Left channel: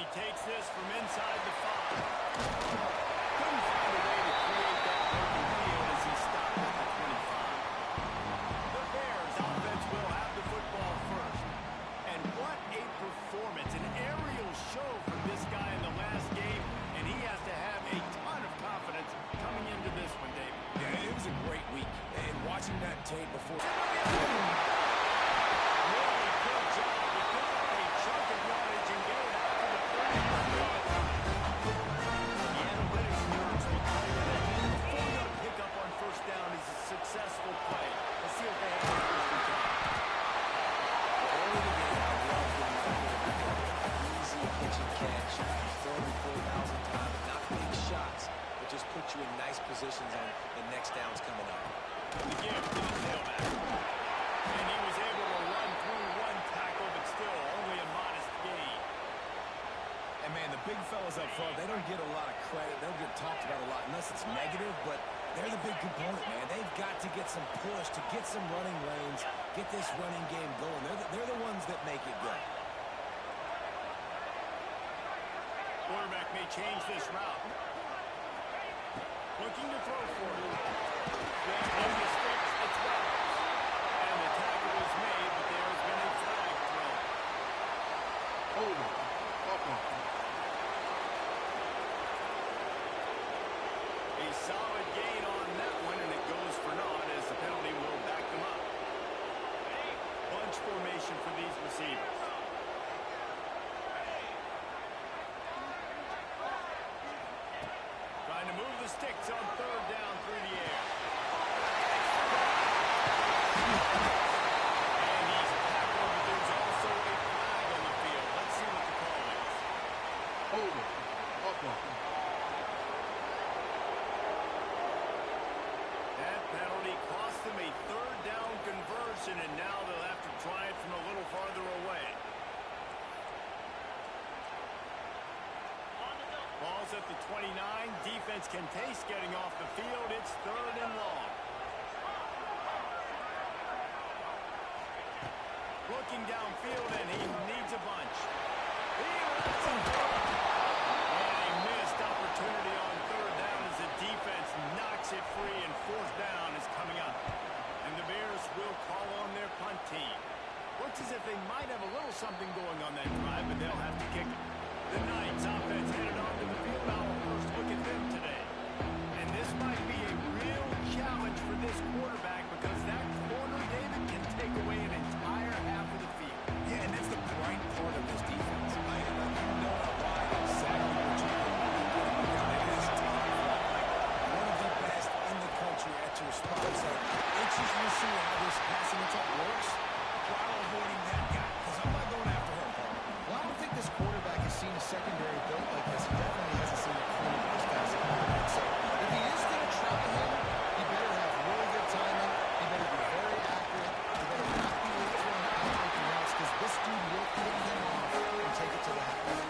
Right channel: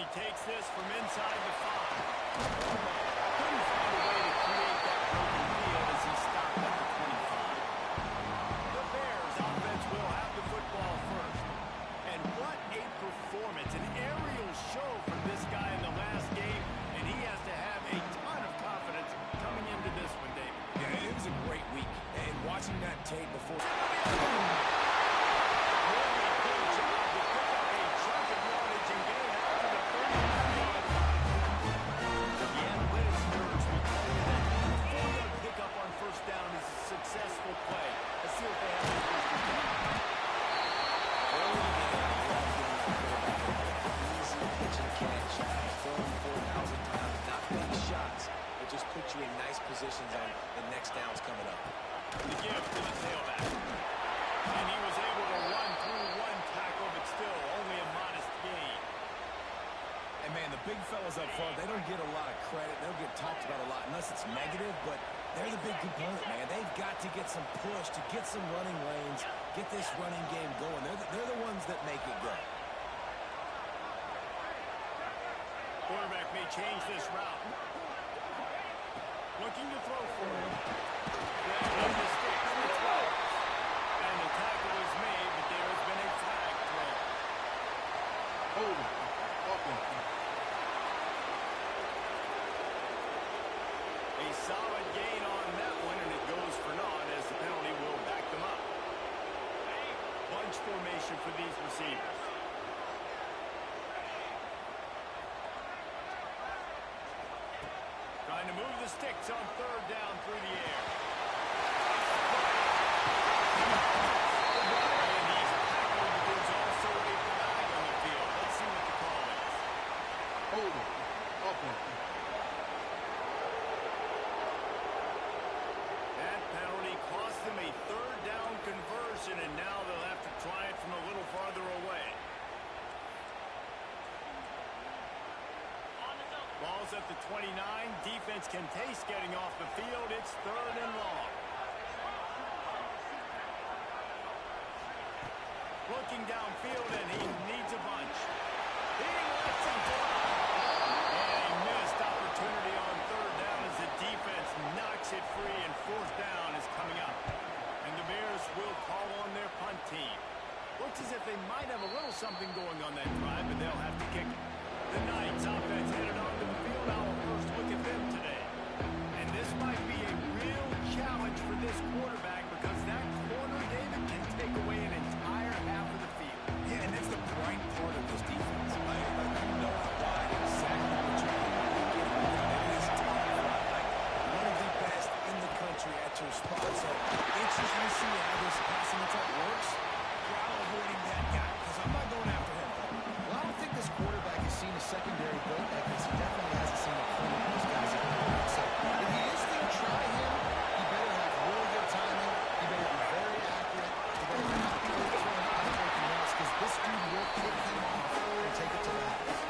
he takes this from inside the 5. Couldn't find a way to create that broken field as he stopped at the 25. The Bears offense will have the football first. And what a performance, an aerial show from this guy in the last game, and he has to have a ton of confidence coming into this one, David. Yeah, it was a great week, and watching that tape before... Really good job to pick up a chunk of yardage and get it out to the 39-yard line. The analytics nerds will tell you that a 4-yard pickup on first down is a successful play. Let's see what they have on first and 10. Early in the game, I love getting my quarterback an easy pitch and catch. Throw him 4,000 times, not big shots, but just put you in nice positions on the next downs coming up. The give to the tailback. And he was able to run through one tackle, but still only a modest gain. And, man, the big fellas up front, they don't get a lot of credit. They don't get talked about a lot unless it's negative, but they're the big component, man. They've got to get some push, to get some running lanes, get this running game going. They're the ones that make it go. Quarterback may change this route. Looking to throw for it. Grab in the sticks. It's Wells. And the tackle was made, but there has been a flag thrown. Holding. A solid gain on that one, and it goes for naught as the penalty will back them up. Bunch formation for these receivers. Trying to move the sticks on third down through the air. And he's tackled, but there's also a flag on the field. Let's see what the call is. Holding. That penalty cost them a third down conversion, and now they'll have to try it from a little farther away. Ball's at the 29. Defense can taste getting off the field. It's third and long. Looking downfield, and he needs a bunch. He lets him fly. And a missed opportunity on third down as the defense knocks it free, and fourth down is coming up. And the Bears will call on their punt team. Looks as if they might have a little something going on that drive, but they'll have to kick it. The Knights offense headed onto the field. Our first look at them today. And this might be a real challenge for this quarterback because that corner, David, can take away an entire half of the field. Yeah, and that's the bright part of this defense. Like you know how wide exactly what you're getting down. It is top flight, like one of the best in the country at your spot. So interesting to see how this passing attack works while avoiding that guy. Because I'm not going after him, Paul. Well, I don't think this quarterback has seen a secondary built like this. He definitely hasn't seen a corner of this guy's ability. So if he is going to try him, he better have really good timing. He better be very accurate. He better not be throwing out-breaking routes because this dude will kick him off and take it to the house.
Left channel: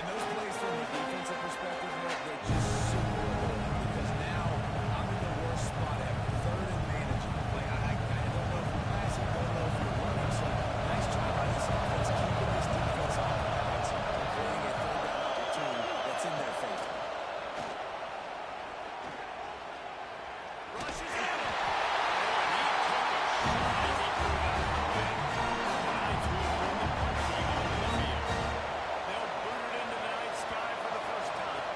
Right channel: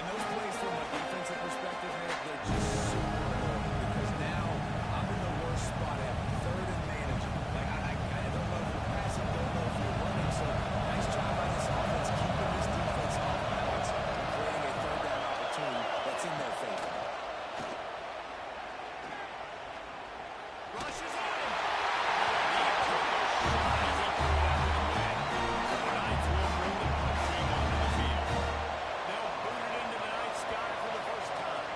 And those plays from a defensive perspective, man, they're just super annoying because now I'm in the worst spot ever. Third and manageable. Like, I don't know if you're passing, don't know if you're running. So nice job by this offense keeping this defense off balance and creating a third down opportunity that's in their favor. Rushes at him. And he took a shot as he threw that one away. The Knights will bring the punt team onto the field. They'll boot it into the night sky for the first time.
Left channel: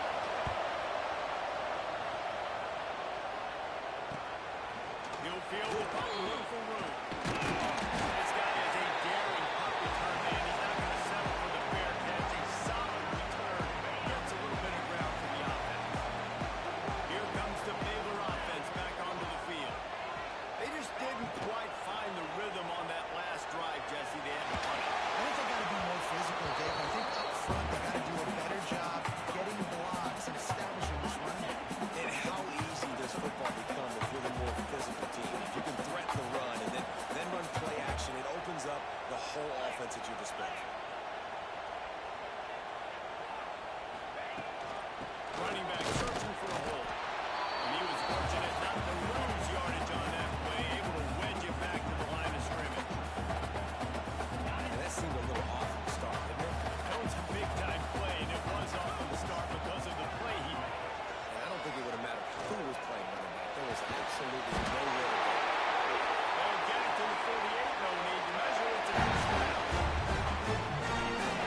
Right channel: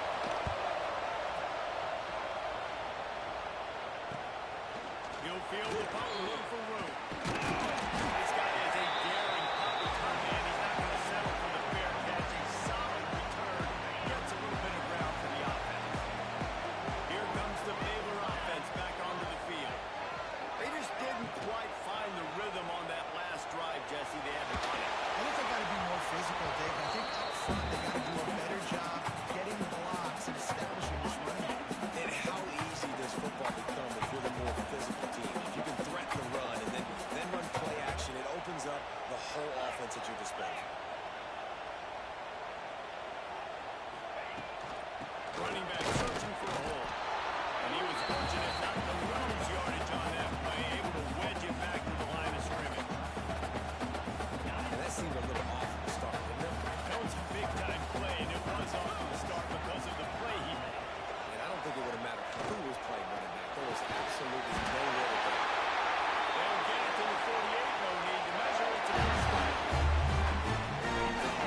He'll field the punt and look for room. This guy is a daring punt return man. He's not going to settle for the fair catch. A solid return. Gets a little bit of ground for the offense. Here comes the Baylor offense back onto the field. They just didn't quite find the rhythm on that last drive, Jesse. They had to punt it. I think they got to be more physical, Dave. I think up front they got to do a better job getting blocks and establishing this running game. And how easy does football become if you're the more physical team? If you can threaten the run and then run play action, it opens up the whole offense at your disposal. Running back searching for a hole. And he was fortunate not to lose yardage on that play, able to wedge it back to the line of scrimmage. And that seemed a little off at the start, didn't it? That was a big-time absolutely nowhere to go. They'll get it to the 48. No need to measure it to first down.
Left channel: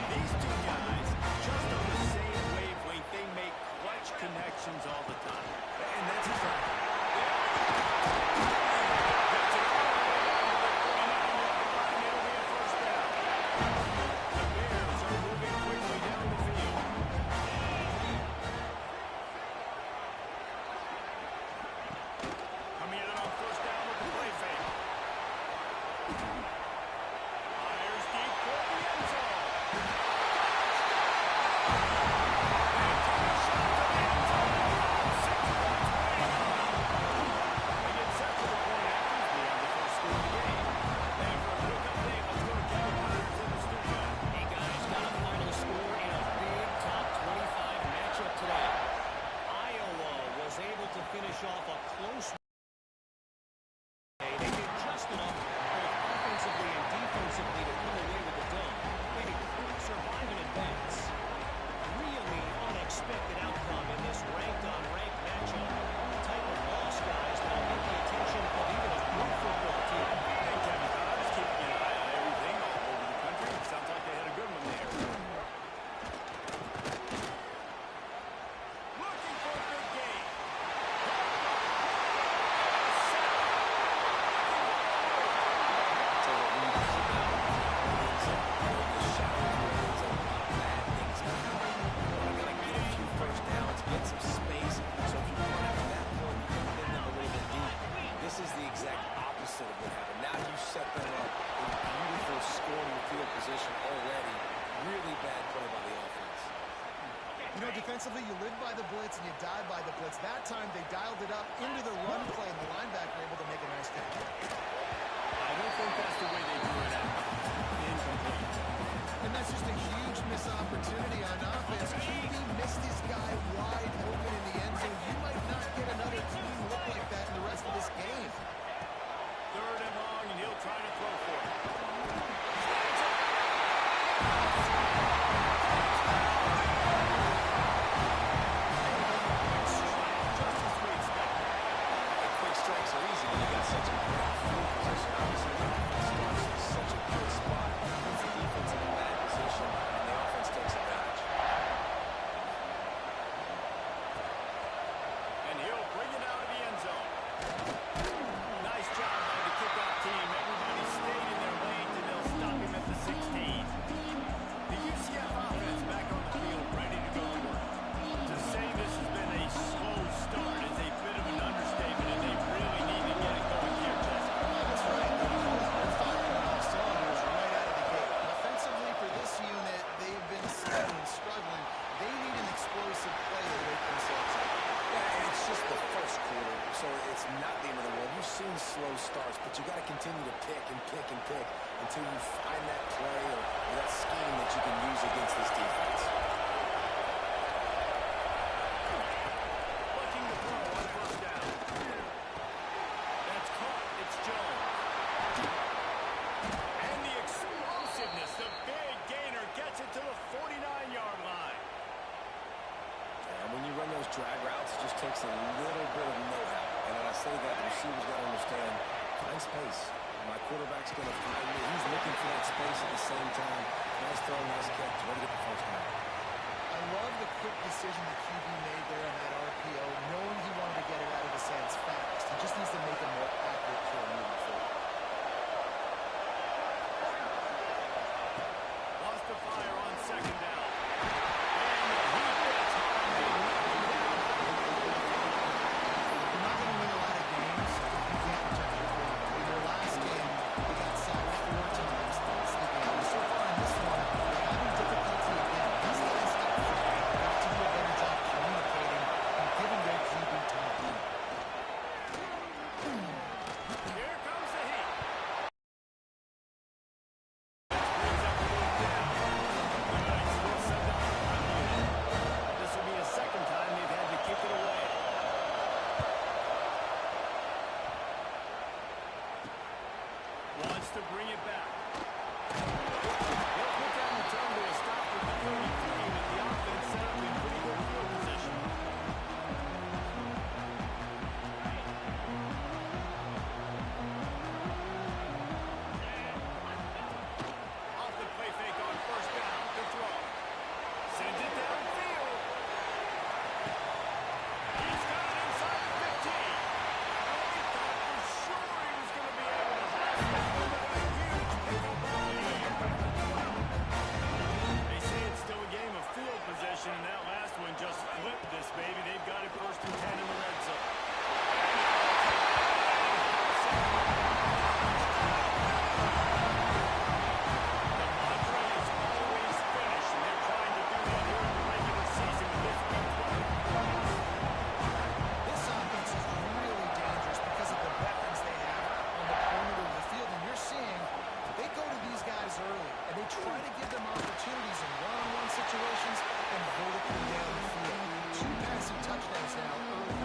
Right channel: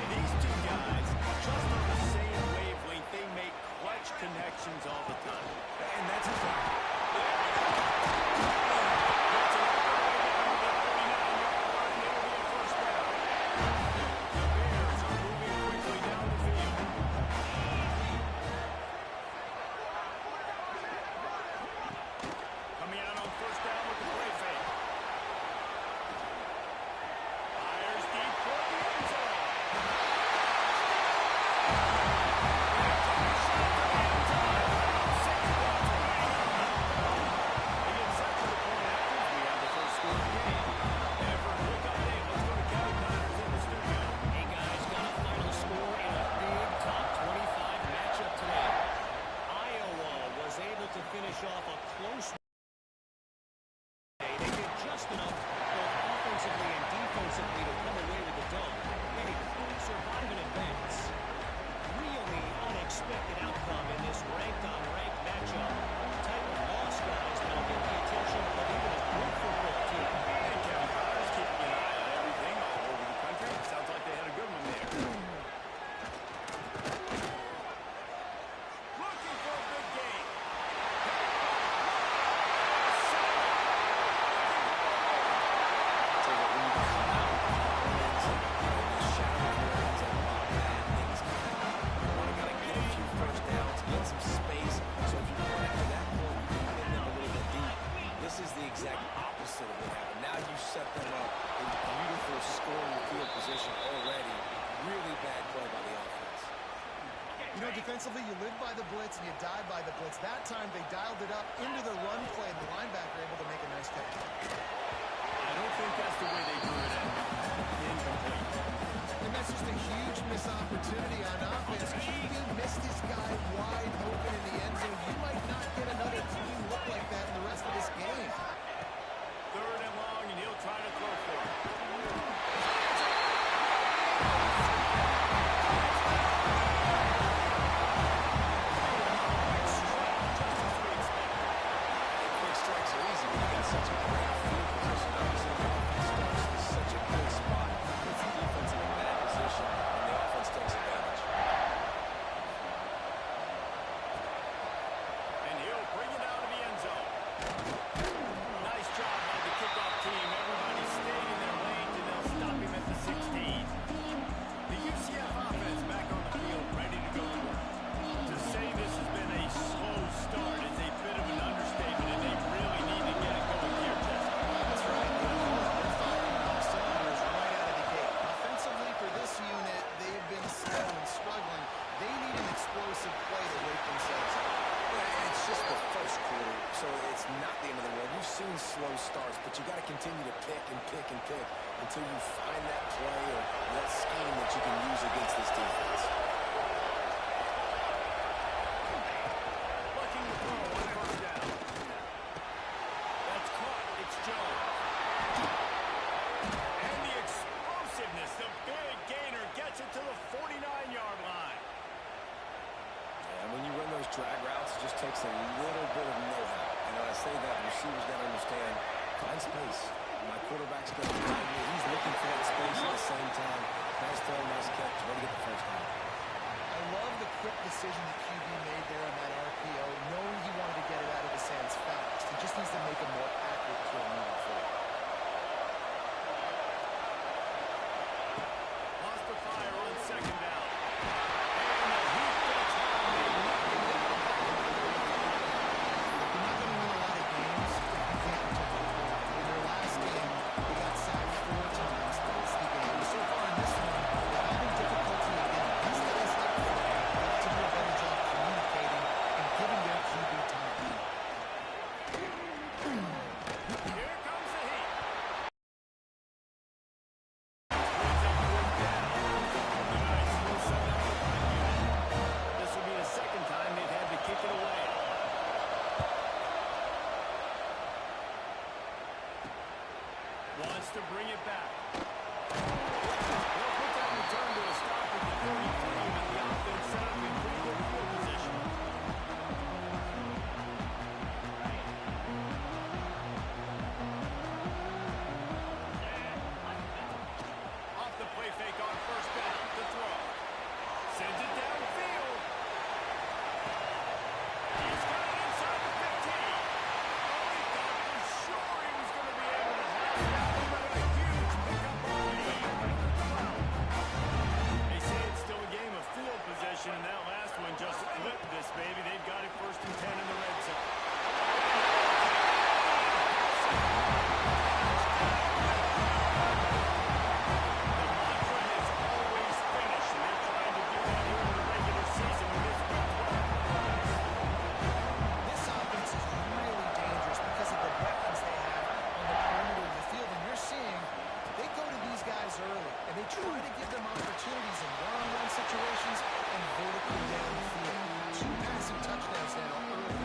These two guys, just on the same wavelength, they make clutch connections all the time. And that's a fact. Gets it all the way down to the 49-yard line. It'll be a first down. The Bears are moving quickly down the field. Coming out on first down with the play fake. Fires deep for the end zone. They took a shot to the end zone. 6 points waiting on them. They get set for the point after. We have the first score of the game. And for a quick update, let's go to Kevin Connors in the studio. Hey guys, got a final score in a big top 25 matchup today. Iowa was able to finish off a close. They did just enough both offensively and defensively to come away with the dub. Hey, survive and advance. Really unexpected outcome in this ranked-on-ranked matchup. The type of loss, guys, that'll get the attention of even a good football team. And Kevin Connors keeping an eye on everything all over the country. Sounds like they had a good one there. Looking for a big game. Tell you what, when you come out earnings and in the shadow of your ends and a lot of bad things can happen. You want to kind of get a few first downs, get some space, so if you run after that point, you can pin them a little bit deep. This is the exact opposite of what happened. Now you set them up in beautiful scoring field position already. Really bad play by the offense. You know, defensively, you live by the blitz and you die by the blitz. That time, they dialed it up into the run play, and the linebacker able to make a nice catch. I don't think that's the way they drew it out. Incomplete. And that's just a huge missed opportunity on offense. QB missed his guy wide open in the end zone. You might not get another clean look like that in the rest of this game. Third and long, and he'll try to throw for it. Quick strike, just as we expected. Quick strikes are easy when you got such a great field position. Obviously, the offense starts in such a good spot, puts the defense in a bad position, and the offense takes advantage. And he'll bring it out of the end zone. Nice job by the kickoff team. Everybody stayed in their lanes, and they'll stop him at the 16. The UCF offense back on the field, ready to go to work. To say this has been a slow start is a bit of an understatement, and they really need to get it going here, Jesse. That's right. They're firing on all cylinders right out of the gate. Offensively, for this unit, they've been slow and struggling. They need an explosive play to wake themselves up. Yeah, and it's just the first quarter, so it's not the end of the world. You've seen slow starts, but you got to continue to pick and pick and pick until you find that play or that scheme that you can use against this defense. Looking to throw on first down. That's caught. It's Jones. And the explosiveness, the big gainer gets it to the 49-yard line. And when you run those drag routes, it just takes a little bit of know-how. And when I say that, the receiver's got to understand, find space. My quarterback's going to find me. He's looking for that space at the same time. Nice throw, nice catch. Way to get the first down. I love the quick decision that QB made there on that RPO, knowing he wanted to get it out of his hands fast. He just needs to make a more accurate throw moving forward. Lost the fire on second down. And the heat gets home. They knock him down back at the 45. You're not going to win a lot of games if you can't protect your quarterback. In their last game, they got sacked 4 times. That's the game. So far in this one, they're having difficulty again. These guys up front got to do a better job communicating and giving their QB time. Here comes the heat.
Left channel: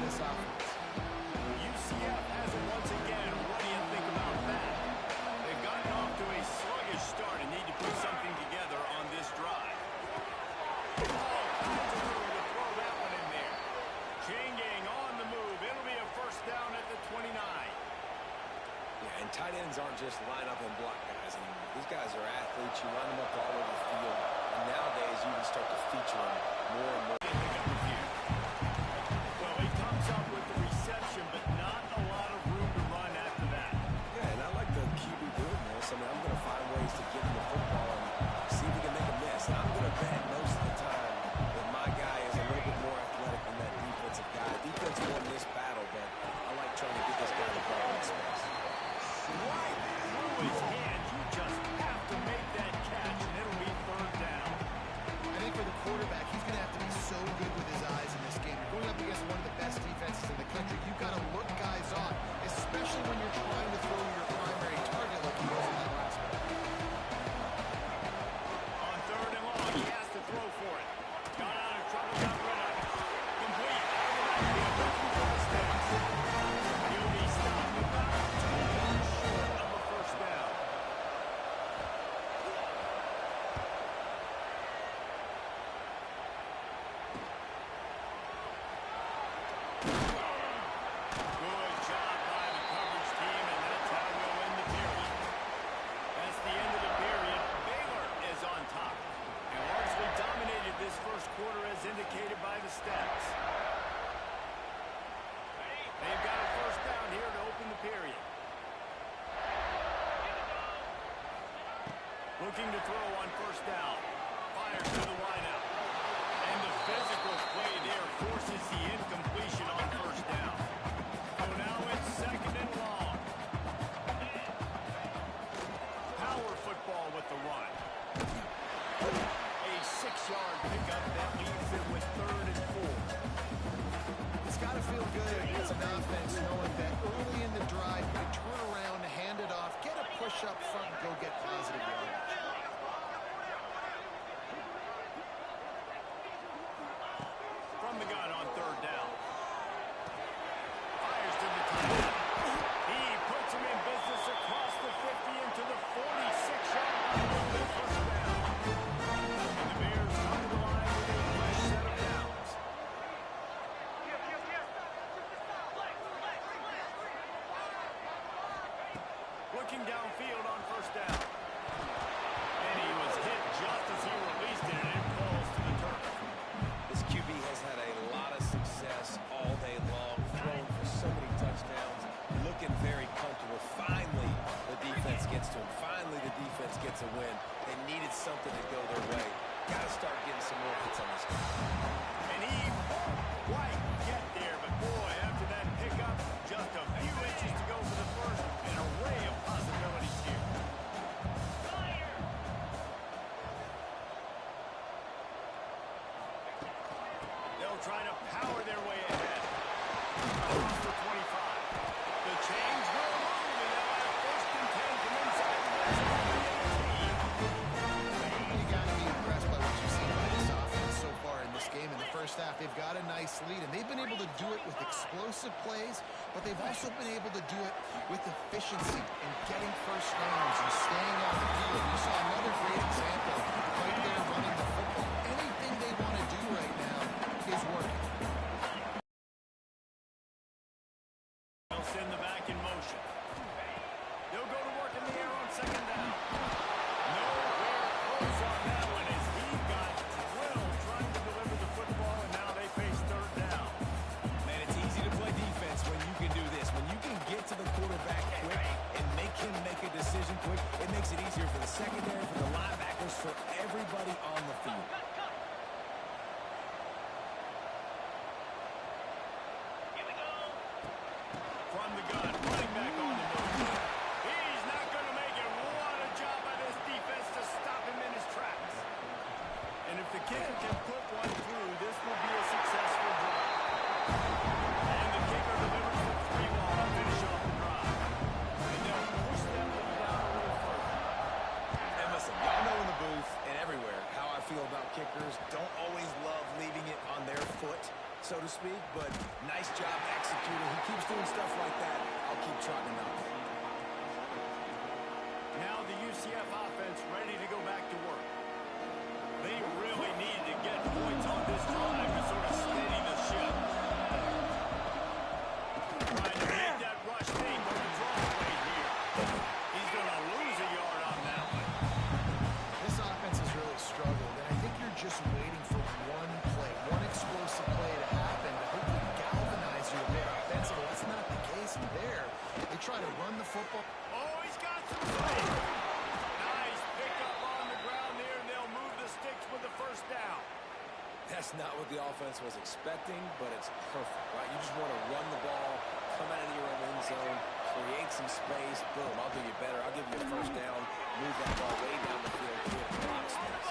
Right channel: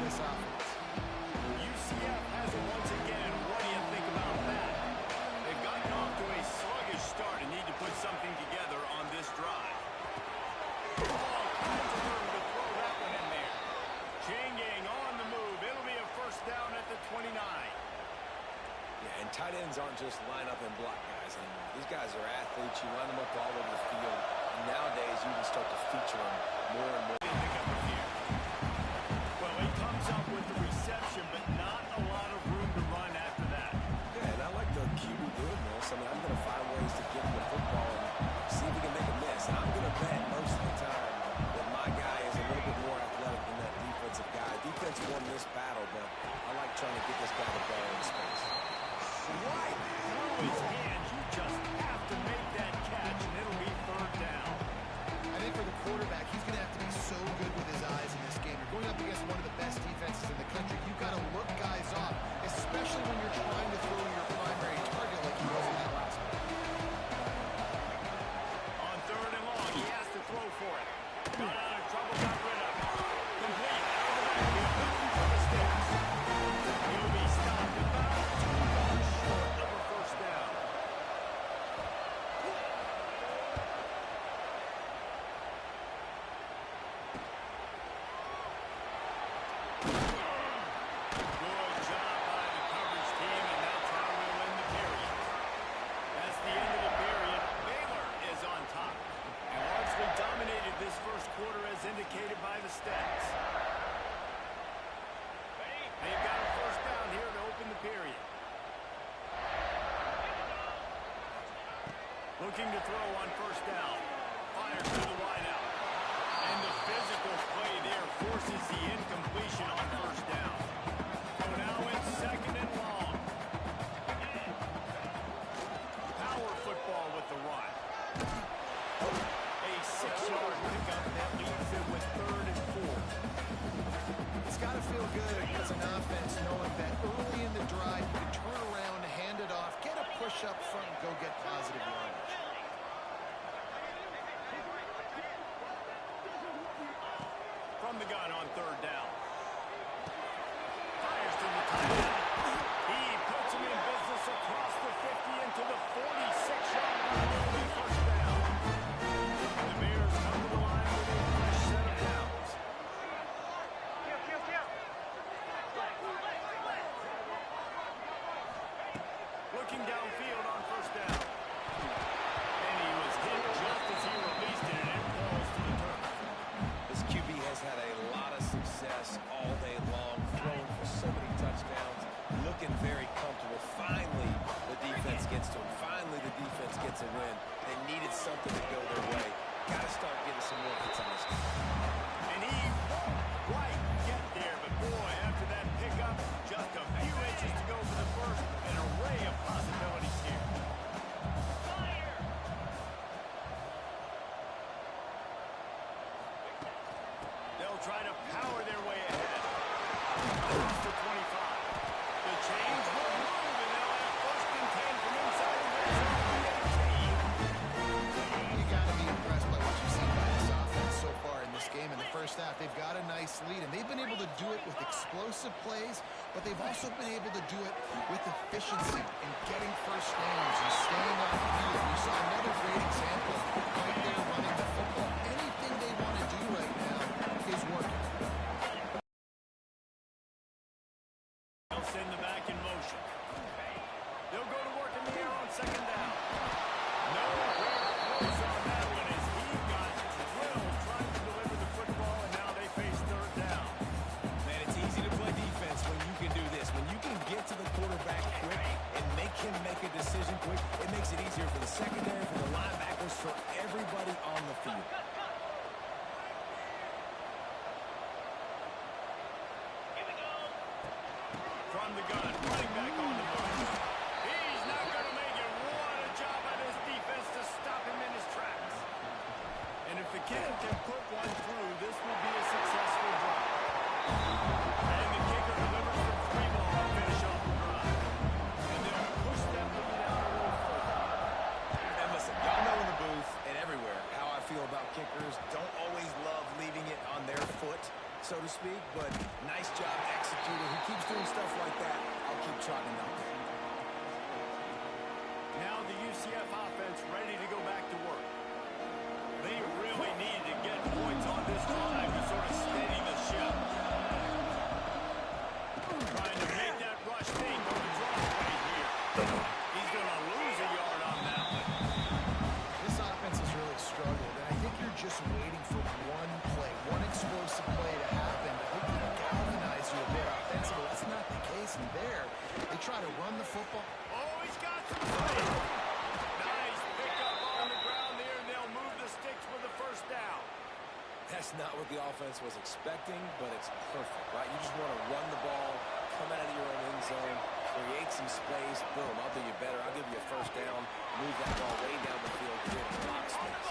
this offense. UCF has it once again. What do you think about that? They've gotten off to a sluggish start and need to put something together on this drive. All kinds of room to throw that one in there. Chain gang on the move. It'll be a first down at the 29. Yeah, and tight ends aren't just line up and block guys anymore. These guys are athletes. You line them up all over the field. And nowadays, you can start to feature them more and more. They pick up a few. Well, he comes up with the reception, but not a lot of room to run after that. Yeah, and I like the QB doing this. I mean, I'm going to find ways to give him the football and see if he can make a miss. And I'm going to bet most of the time that my guy is a little bit more athletic than that defensive guy. Defense won this battle, but I like trying to get this guy the ball in space. Right through his hands. You just have to make that catch, and it'll be third down. I think for the quarterback, he's going to have to be so good with his eyes in this game. You're going up against one of the best defenses in the country. You've got to look guys off, especially when you're trying to throw your primary target like he was in that last one. On third and long, he has to throw for it. Got out of trouble, got rid of it. Complete, out of the backfield, looking for the sticks. He'll be stopped about 2 yards short of a first down. Good job by the coverage team, and that's how we'll end the period. That's the end of the period. Baylor is on top and largely dominated this first quarter as indicated by the stats. They've got a first down here to open the period. Looking to throw on first down. Fires to the wideout. And the physical play there forces the incompletion on first down. So now it's second and long. Power football with the run. A 6-yard pickup that leaves it with third and 4. It's got to feel good as an offense knowing that early in the drive you can turn around, hand it off, get a push up front, and go get positive yardage. From the gun on third down. Fires to the tight end. He puts him in business across the 50 into the 46-yard line. It'll be first down. And the Bears come to the line with a fresh set of downs. Looking downfield on first down. And he was hit just as he released it, and it falls to the turf. This QB has had a lot of success all day long, throwing for so many touchdowns, looking very comfortable. Finally, the defense gets to him. Finally, the defense gets a win. They needed something to go their way. Got to start getting some more hits on this guy. And he won't quite get there, but boy, after that pickup, just a few inches to go for the first. An array of possibilities here. They'll try to power their way ahead. Across the 25. The chains will move, and they'll have first and 10 from inside the red zone of the 18. You got to be impressed by what you've seen by this offense so far in this game. In the first half, they've got a nice lead, and they've been able to do it with explosive plays, but they've also been able to do it with efficiency and getting first downs and staying on the field. You saw another great example right there running the football. Anything they want to do right now is working. They'll send the back in motion. They'll go to work in the air on second down. Nowhere close on that one as he got drilled trying to deliver the football, and now they face third down. Man, it's easy to play defense when you can do this. When you can get to the quarterback quick and make him make a decision quick, it makes it easier for the secondary, for the linebackers, for everybody on the field. From the gun, running back on the move. He's not going to make it. What a job by this defense to stop him in his tracks. And if the kicker can put one through, this will be a successful drive. And the kicker delivers the 3 ball to finish off the drive. And they'll push that lead out a little further. And listen, y'all know in the booth and everywhere how I feel about kickers. Don't always love leaving it on their foot. so to speak, but nice job executing. He keeps doing stuff like that. I'll keep trotting him out there. Now the UCF offense ready to go back to work. They really needed to get points on this drive to sort of steady the ship. Trying to make that rush take on the draw play here. He's going to lose a yard on that one. This offense has really struggled, and I think you're just waiting for one play, one explosive play to happen to hopefully galvanize you a bit offensively. That's not the case there. They try to run the football. Oh, he's got some space. Nice pickup on the ground there, and they'll move the sticks with the first down. That's not what the offense was expecting, but it's perfect, right? You just want to run the ball, come out of your own end zone, create some space, boom, I'll do you better. I'll give you a first down, move that ball way down the field, create a lot of space.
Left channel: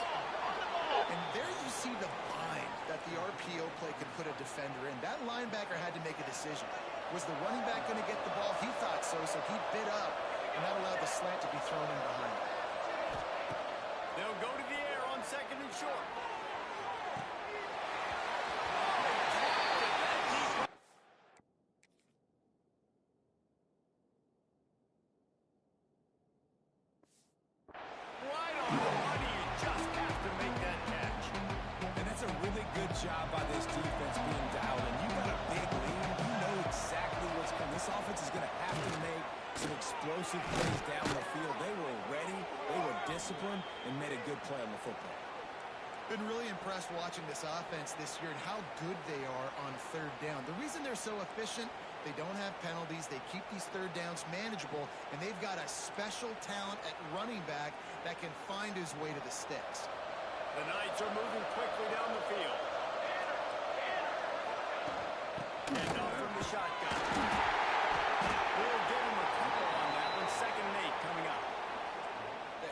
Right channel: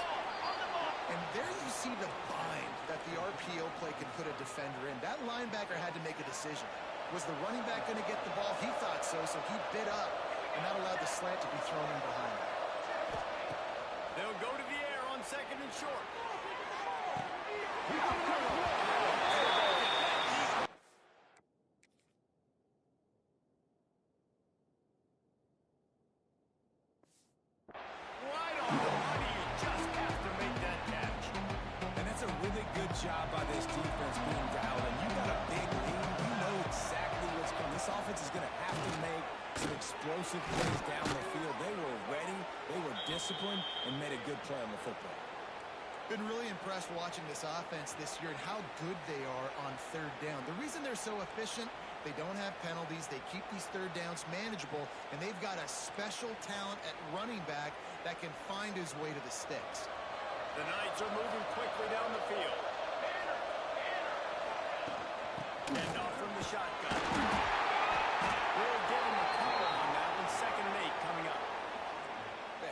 And there you see the bind that the RPO play can put a defender in. That linebacker had to make a decision. Was the running back going to get the ball? He thought so, so he bit up, and that allowed the slant to be thrown in behind him. They'll go to the air on second and short. Right on the money, you just have to make that catch. And that's a really good job by this defense being dialed in. You got a big lead. You know exactly what's coming. This offense is going to have to make some explosive plays down the field. They were ready, they were disciplined, and made a good play on the football. Been really impressed watching this offense this year and how good they are on third down. The reason they're so efficient, they don't have penalties, they keep these third downs manageable, and they've got a special talent at running back that can find his way to the sticks. The Knights are moving quickly down the field. And off from the shotgun. We'll give him a couple on that one. 2nd and 8 coming up.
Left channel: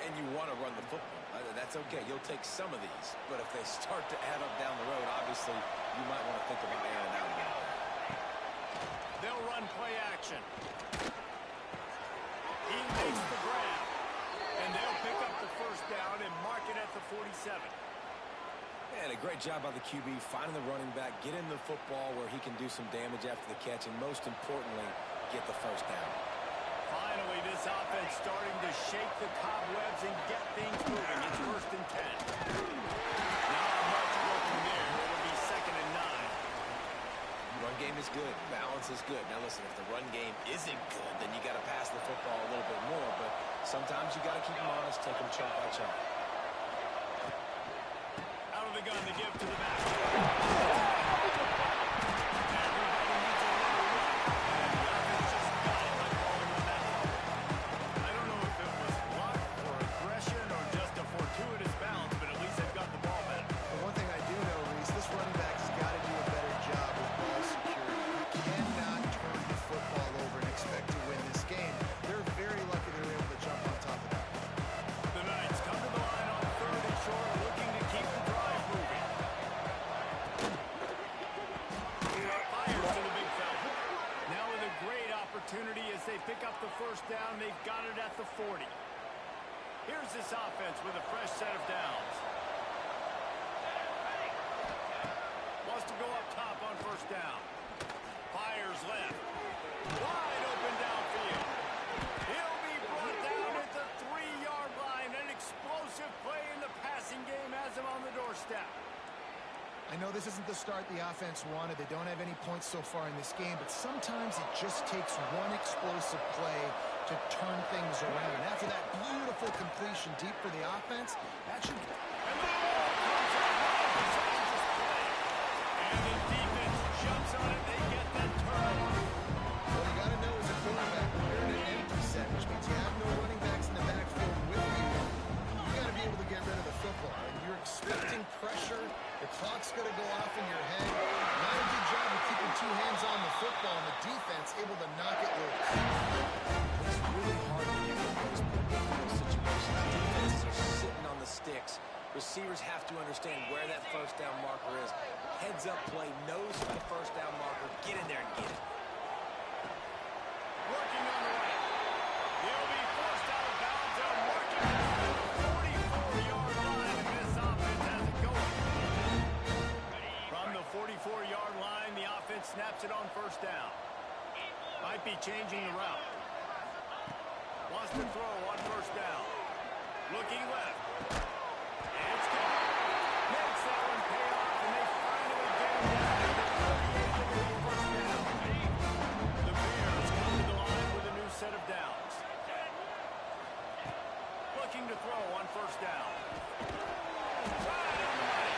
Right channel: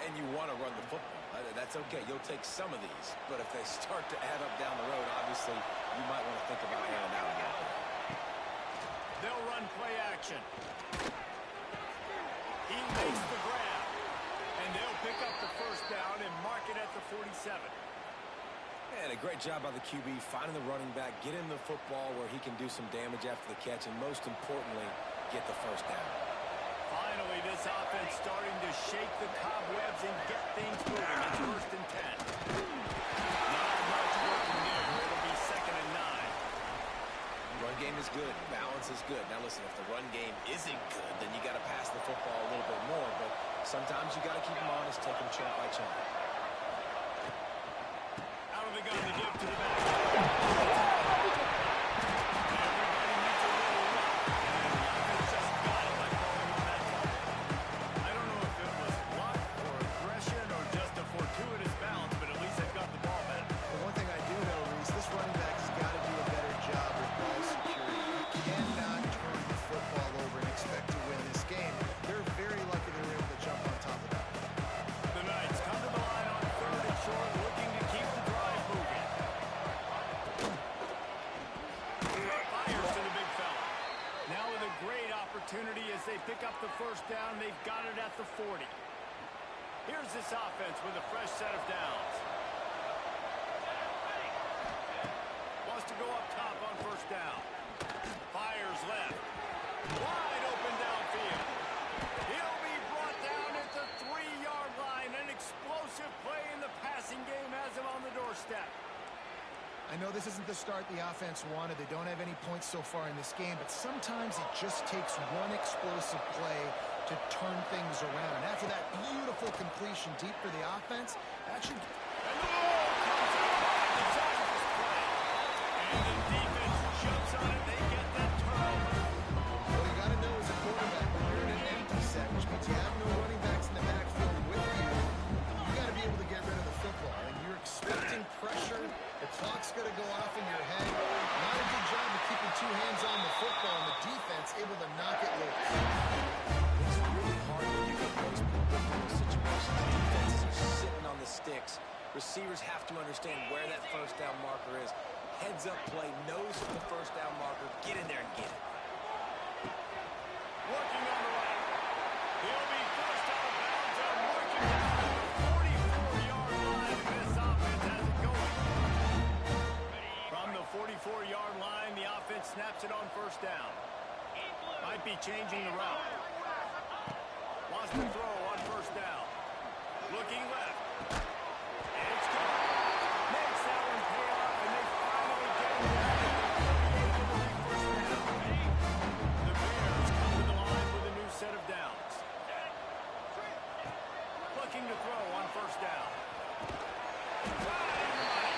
And you want to run the football. That's okay. You'll take some of these. But if they start to add up down the road, obviously, you might want to think about airing out again. They'll run play action. He makes the grab. And they'll pick up the first down and mark it at the 47. And a great job by the QB finding the running back, getting the football where he can do some damage after the catch, and most importantly, get the first down. Finally, this offense starting to shake the cobwebs and get things moving. It's 1st and 10. Not much working there. It'll be 2nd and 9. Run game is good. Balance is good. Now, listen, if the run game isn't good, then you got to pass the football a little bit more. But sometimes you got to keep them honest, take them chunk by chunk. Out of the gun to give to the back. Everybody needs a little luck, and the offense just got it by falling on that fumble. I don't know if it was luck or aggression or just a fortuitous bounce, but at least they've got the ball back. But one thing I do know, Reese, this running back has got to do a better job with ball security. You cannot turn the football over and expect to win this game. They're very lucky they were able to jump on top of that. The Knights come to the line on 3rd and short, looking to keep the drive moving. Fires to the big fella. Now with a great opportunity as they pick up the first down. They've got it at the 40. Here's this offense with a fresh set of downs. Wants to go up top on first down. Fires left. Wide open downfield. He'll be brought down at the 3-yard line. An explosive play in the passing game has him on the doorstep. I know this isn't the start the offense wanted. They don't have any points so far in this game, but sometimes it just takes one explosive play to turn things around. And after that beautiful completion deep for the offense, that should... And the ball comes out by a disastrous play. And the defense jumps on it. They get that turnover. What you got to know as a quarterback, when you're in an empty set, which means you have no running backs in the backfield with you, you got to be able to get rid of the football. And you're expecting pressure. The clock's going to go off in your head. Not a good job of keeping two hands on the football, and the defense able to knock it loose. It's really hard when you get those predictable situations. Defenses are sitting on the sticks. Receivers have to understand where that first down marker is. Heads up play, nose for the first down marker. Get in there and get it. Working on the right. He'll be forced out of bounds. They'll mark him down at the 44-yard line, and this offense has it going. From the 44-yard line, and snaps it on first down. Might be changing the route. Wants to throw on first down. Looking left. And it's caught. Makes that one pay off, and they finally get him down at the 38 to lead first down. The Bears come to the line with a new set of downs. Looking to throw on first down. Right on the money.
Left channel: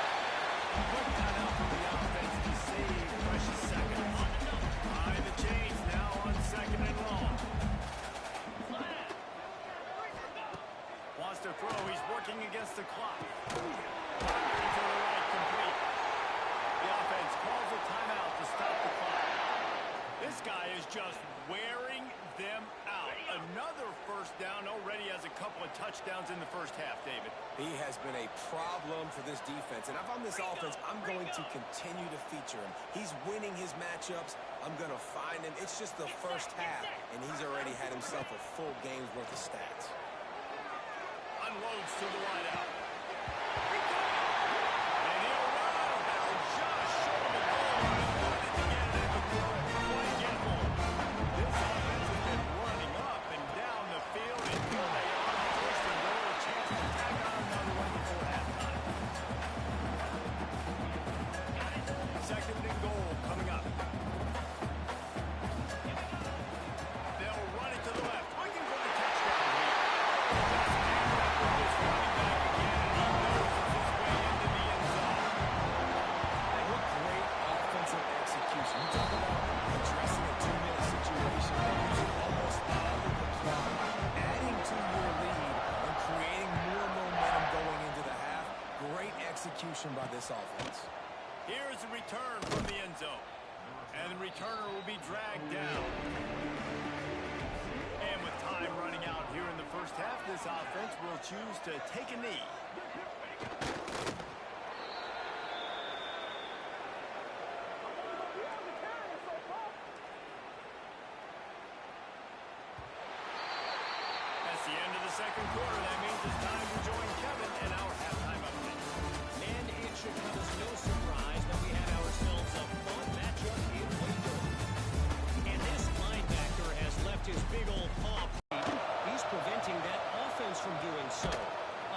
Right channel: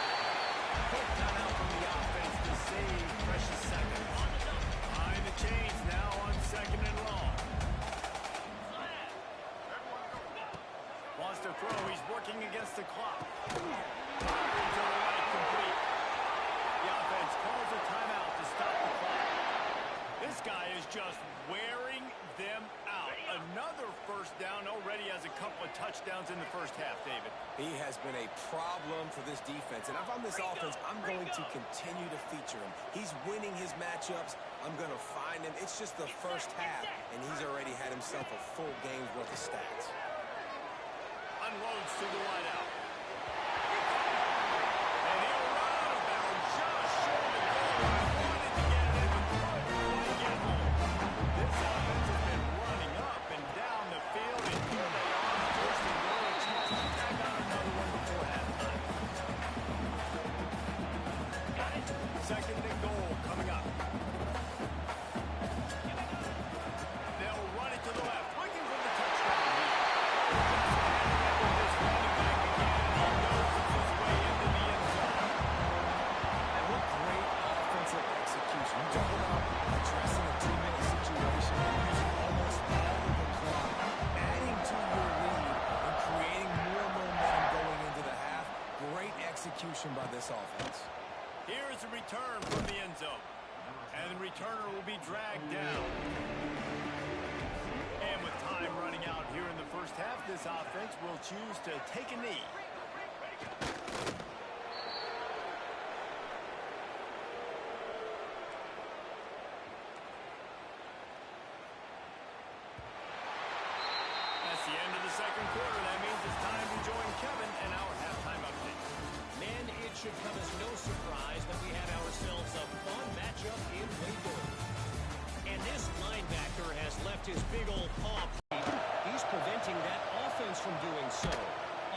Quick timeout from the offense to save precious seconds. Behind the chains now on second and long. Wants to throw. He's working against the clock. Firing to the right, complete. The offense calls a timeout to stop the clock. This guy is just wearing them out. Another first down, already has a couple of touchdowns in the first half, David. He has been a problem for this defense. And if I'm this offense, I'm going to continue to feature him. He's winning his matchups. I'm going to find him. It's just the first half, and he's already had himself a full game's worth of stats. Unloads to the wideout. And he'll run out of bounds just short of the goal line. Wanted to get it in, but couldn't quite get home. This offense has been running up and down the field, and here they are, first and goal, a chance to tack on another one before halftime. Second and goal coming up. They'll run it to the left, looking for the touchdown here. Just with this running back again, and he noses his way into the end zone. And what great offensive execution. You talk about addressing a 2-minute situation, using almost all of the clock, adding to your lead, and creating more momentum going into the half. Great execution by this offense. Here's a return from the end zone. And the returner will be dragged down. And with time running out here in the first half, this offense will choose to take a knee. That's the end of the second quarter. That means it's time to join Kevin and our halftime update. Men, it should come as no surprise that we have ourselves a fun matchup in Baylor. And this linebacker has left his big old paw. He's preventing that offense from doing so.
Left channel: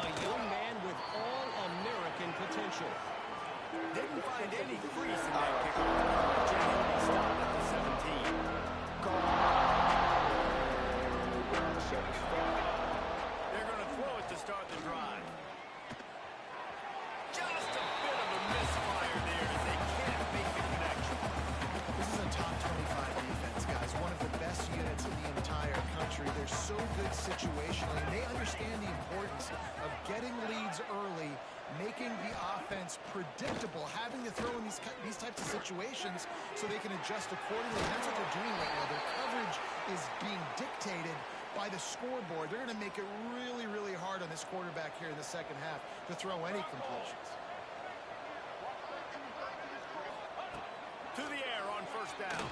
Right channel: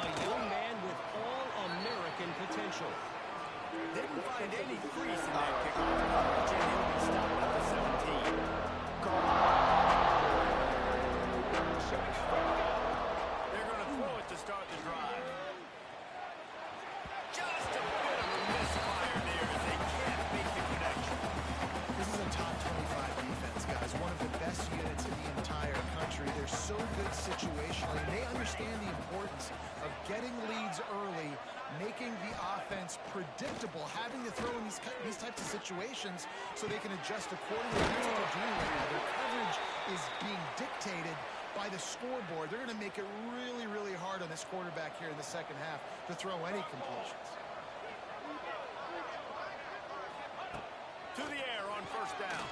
A young man with all-American potential. Didn't find any crease in that kickoff coverage, and he'll be stopped at the 17. They're going to throw it to start the drive. Just a bit of a misfire there as they can't make the connection. This is a top 25 defense, guys. One of the best units in the entire country. They're so good situationally, and they understand the importance of getting leads early, making the offense predictable, having to throw in these types of situations so they can adjust accordingly. That's what they're doing right now. Their coverage is being dictated by the scoreboard. They're going to make it really, really hard on this quarterback here in the second half to throw any completions. To the air on first down.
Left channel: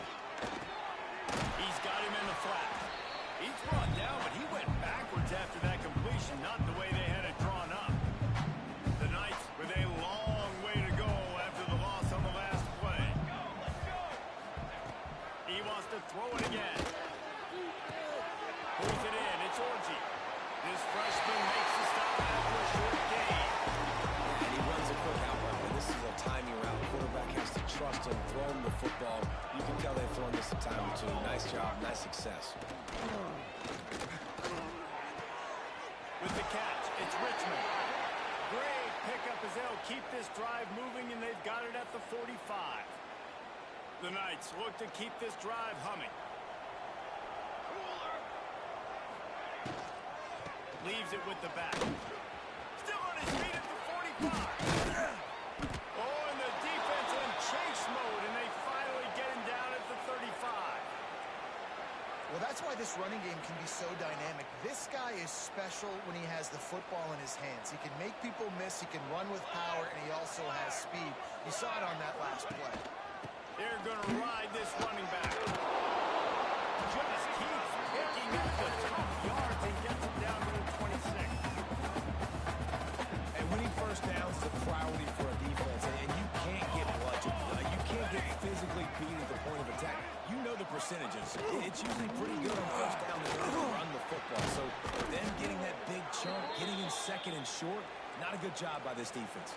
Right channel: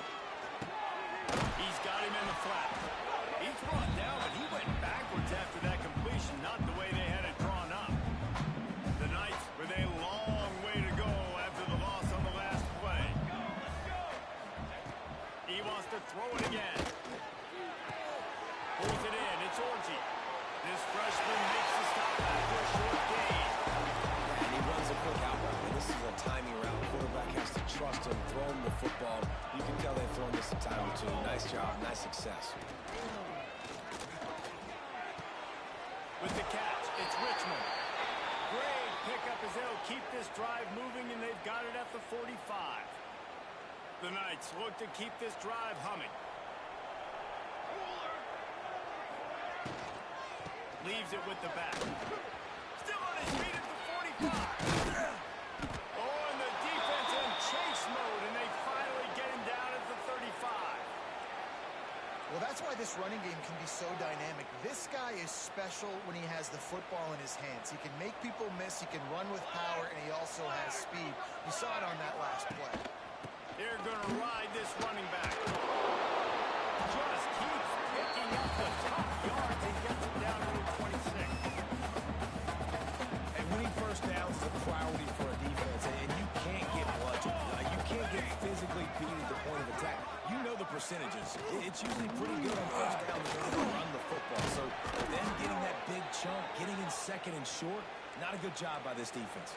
He's got him in the flat. He's brought down, but he went backwards after that completion, not the way they had it drawn up. The Knights with a long way to go after the loss on the last play. He wants to throw it again. Pulls it in. It's Orgy. This freshman makes the stop after a short gain. And he runs a quick out route. This is a timing route. Quarterback has to trust him, throw him the football. You can tell they've thrown this a time or two. Nice job, nice success. With the catch, it's Richmond. Great pickup as they'll keep this drive moving, and they've got it at the 45. The Knights look to keep this drive humming. Leaves it with the back. Still on his feet at the 45. Oh, and the defense in chase mode, and they finally get him down at the 35. Well, that's why this running game can be so dynamic. This guy is special when he has the football in his hands. He can make people miss, he can run with power, and he also has speed. You saw it on that last play. They're going to ride this running back. Just keeps picking up the tough yards and gets it down to the 26. And winning first downs is a priority for a defense, and you can't get bludgeoned. You can't get physically beat at the contact, you know the percentages. It's usually pretty good on first down to run the football. So then getting that big chunk, getting in second and short, not a good job by this defense.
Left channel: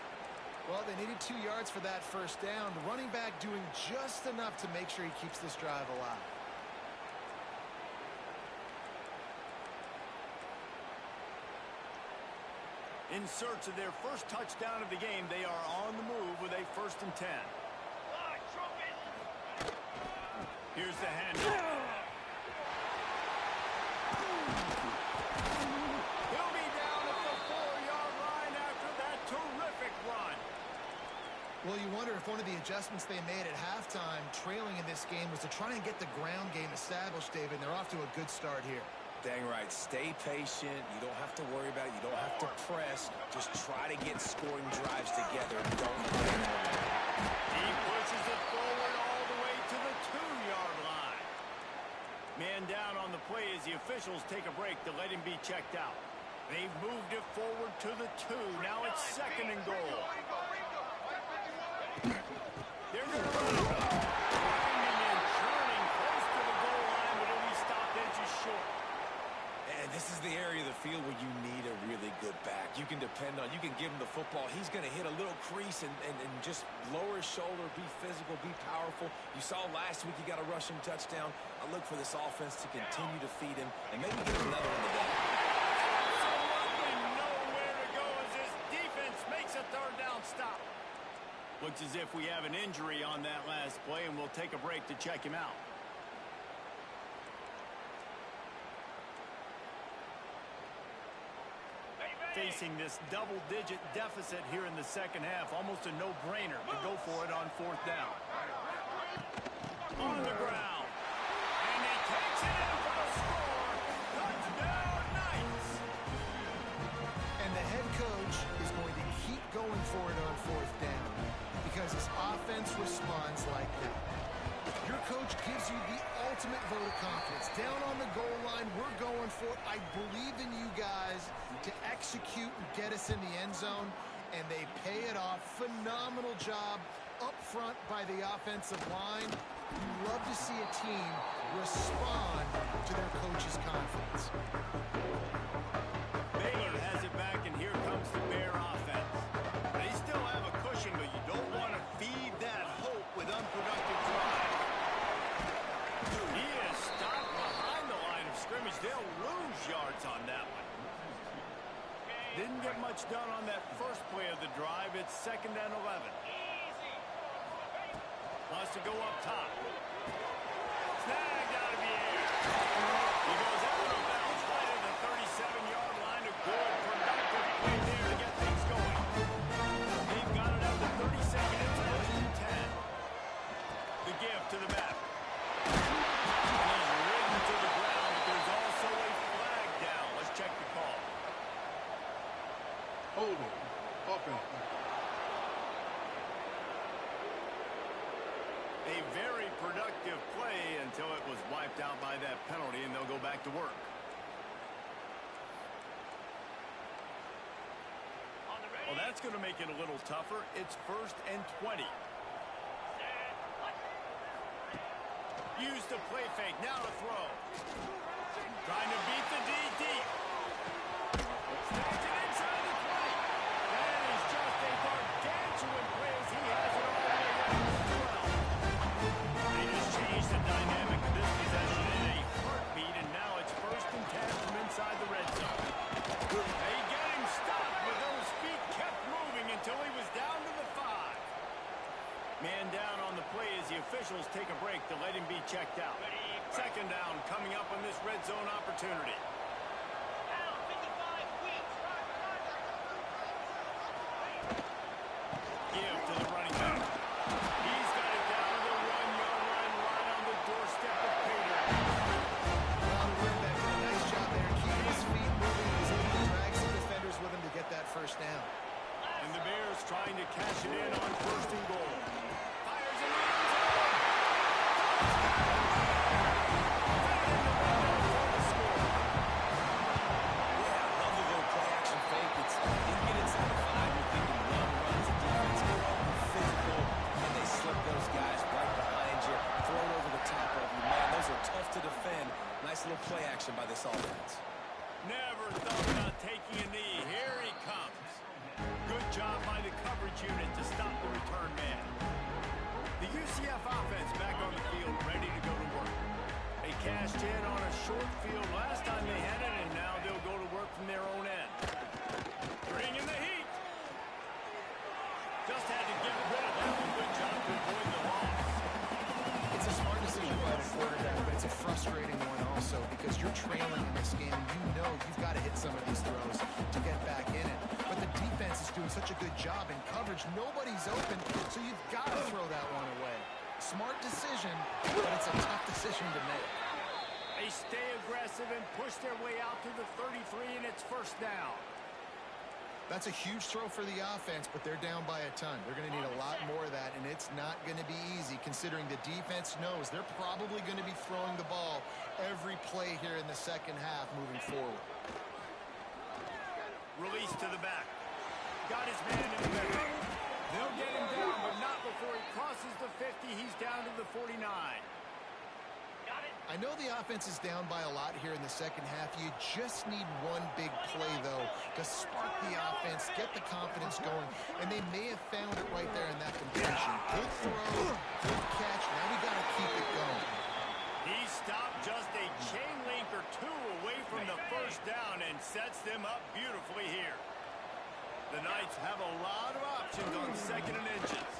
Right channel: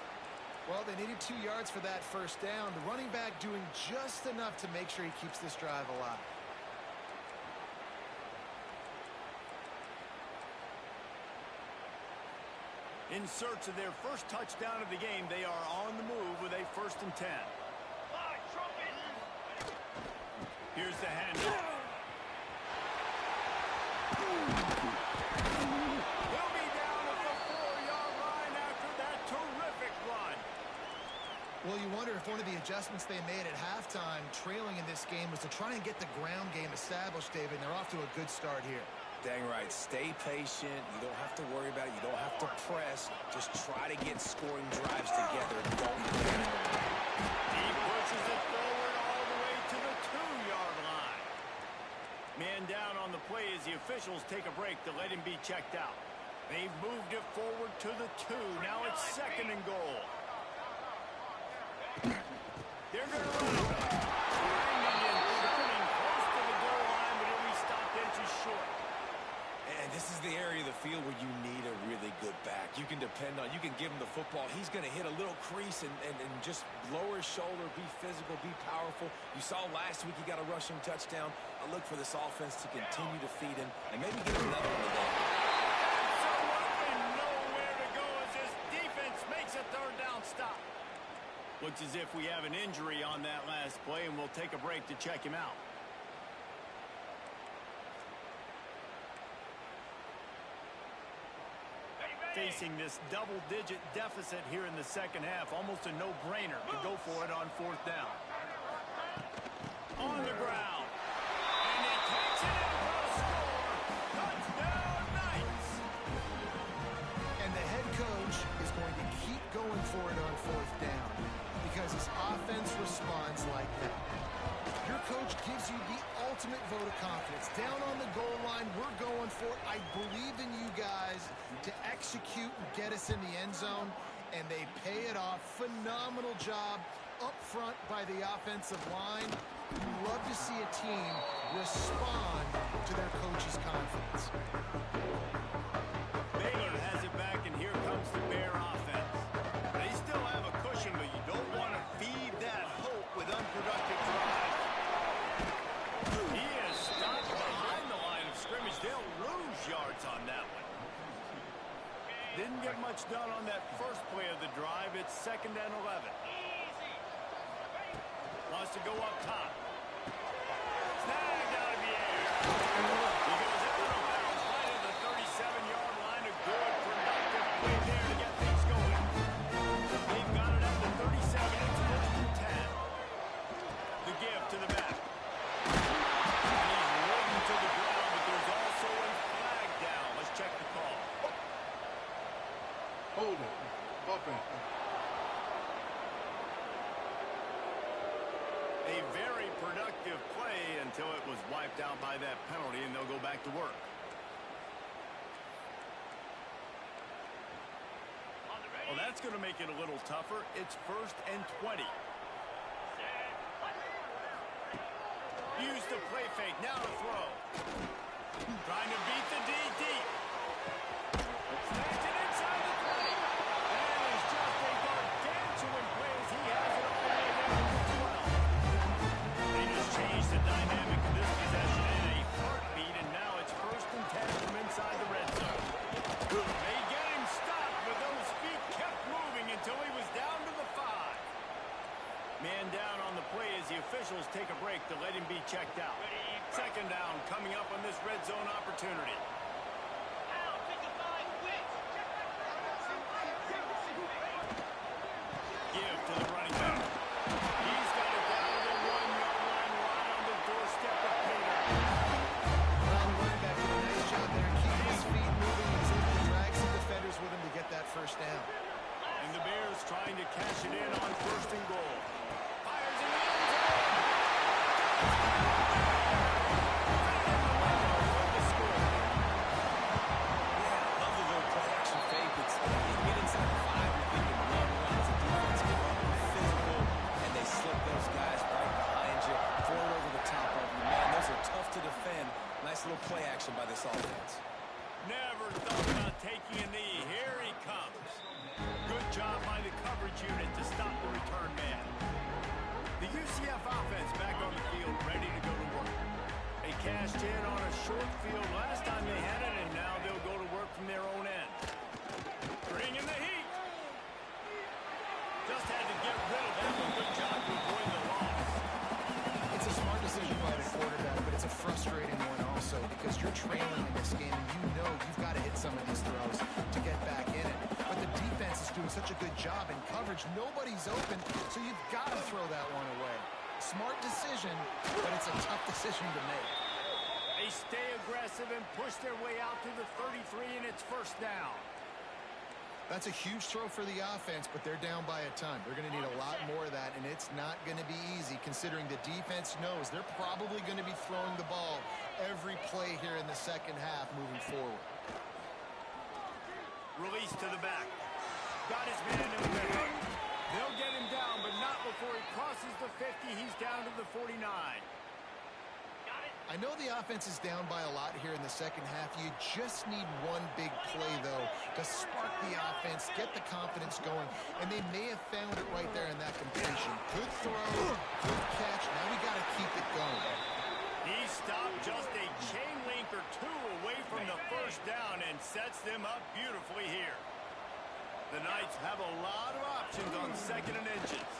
Well, they needed 2 yards for that first down. The running back doing just enough to make sure he keeps this drive alive. In search of their first touchdown of the game, they are on the move with a 1st and 10. Here's the handoff. He'll be down at the 4-yard line after that terrific run. Well, you wonder if one of the adjustments they made at halftime, trailing in this game, was to try and get the ground game established, David, and they're off to a good start here. Dang right. Stay patient. You don't have to worry about it. You don't have to press. Just try to get scoring drives together. Don't blame him. He pushes it forward all the way to the 2-yard line. Man down on the play as the officials take a break to let him be checked out. They've moved it forward to the 2. Now it's 2nd and goal. They're going to run it. Grinding and churning close to the goal line, but he'll be stopped inches short. And this is the area of the field where you need a really good back. You can depend on, you can give him the football. He's going to hit a little crease and just lower his shoulder, be physical, be powerful. You saw last week he got a rushing touchdown. I look for this offense to continue to feed him and maybe get him another one today. Absolutely nowhere to go as this defense makes a 3rd down stop. Looks as if we have an injury on that last play, and we'll take a break to check him out. Facing this double-digit deficit here in the second half, almost a no-brainer to go for it on 4th down. On the ground. And he takes it in for the score. Touchdown, Knights! And the head coach is going to keep going for it on 4th down because his offense responds like that. Your coach gives you the ultimate vote of confidence. Down on the goal line, we're going for it. I believe in you guys to execute and get us in the end zone, and they pay it off. Phenomenal job up front by the offensive line. You love to see a team respond to their coach's confidence. Baylor has it back, and here comes the Bear offense. They still have a cushion, but you don't want to feed that hope with unproductive drives. He is stopped behind the line of scrimmage. They'll lose yards on that one. Didn't get much done on that first play of the drive. It's 2nd and 11. Wants to go up top. Snagged out of the air. He goes out of bounds right at the 37-yard line. A good, productive play there to get things going. They've got it at the 37. It's 1st and 10. The give to the back. And he's ridden to the ground, but there's also a flag down. Let's check the call. Holding. Offense. A very productive play until it was wiped out by that penalty, and they'll go back to work. Well, that's going to make it a little tougher. It's 1st and 20. Use the play fake. Now to throw. Trying to beat the D deep. Snags it inside the 20. That is just a gargantuan play as he has it all the way down to the 12. They just changed the dynamic of this possession in a heartbeat, and now it's 1st and 10 from inside the red zone. They get him stopped, but those feet kept moving until he was down to the 5. Man down on the play as the officials take a break to let him be checked out. 2nd down coming up on this red zone opportunity. Give to the running back. He's got it down to the 1-yard line, right on the doorstep of Pater. Well, the running back did a nice job there, keeping his feet moving. He was able to drag some defenders with him to get that 1st down. And the Bears trying to cash it in on 1st and goal. Fires in the end zone. Touchdown, Bears! Right in the window for the score. Yeah, I love the little play-action fake. You get inside the 5, you're thinking run. The defense come up, physical, and they slip those guys right behind you. Throw it over the possession by this offense. Never thought about taking a knee. Here he comes. Good job by the coverage unit to stop the return man. The UCF offense back on the field, ready to go to work. They cashed in on a short field last time they had it, and now they'll go to work from their own end. Bring in the heat. Just had to get rid of that one. Good job to avoid the loss. It's a smart decision by the quarterback, but it's a frustrating one also because you're trailing in this game and you know you've got to hit some of these throws to get back in it. But the defense is doing such a good job in coverage. Nobody's open, so you've got to throw that one away. Smart decision, but it's a tough decision to make. They stay aggressive and push their way out to the 33, and it's first down. That's a huge throw for the offense, but they're down by a ton. They're going to need a lot more of that, and it's not going to be easy considering the defense knows they're probably going to be throwing the ball every play here in the second half moving forward. Release to the back. Got his man in the middle. They'll get him down, but not before he crosses the 50. He's down to the 49. I know the offense is down by a lot here in the second half. You just need one big play, though, to spark the offense, get the confidence going, and they may have found it right there in that completion. Good throw, good catch. Now we got to keep it going. He stopped just a chain link or two away from the first down and sets them up beautifully here. The Knights have a lot of options on second and inches.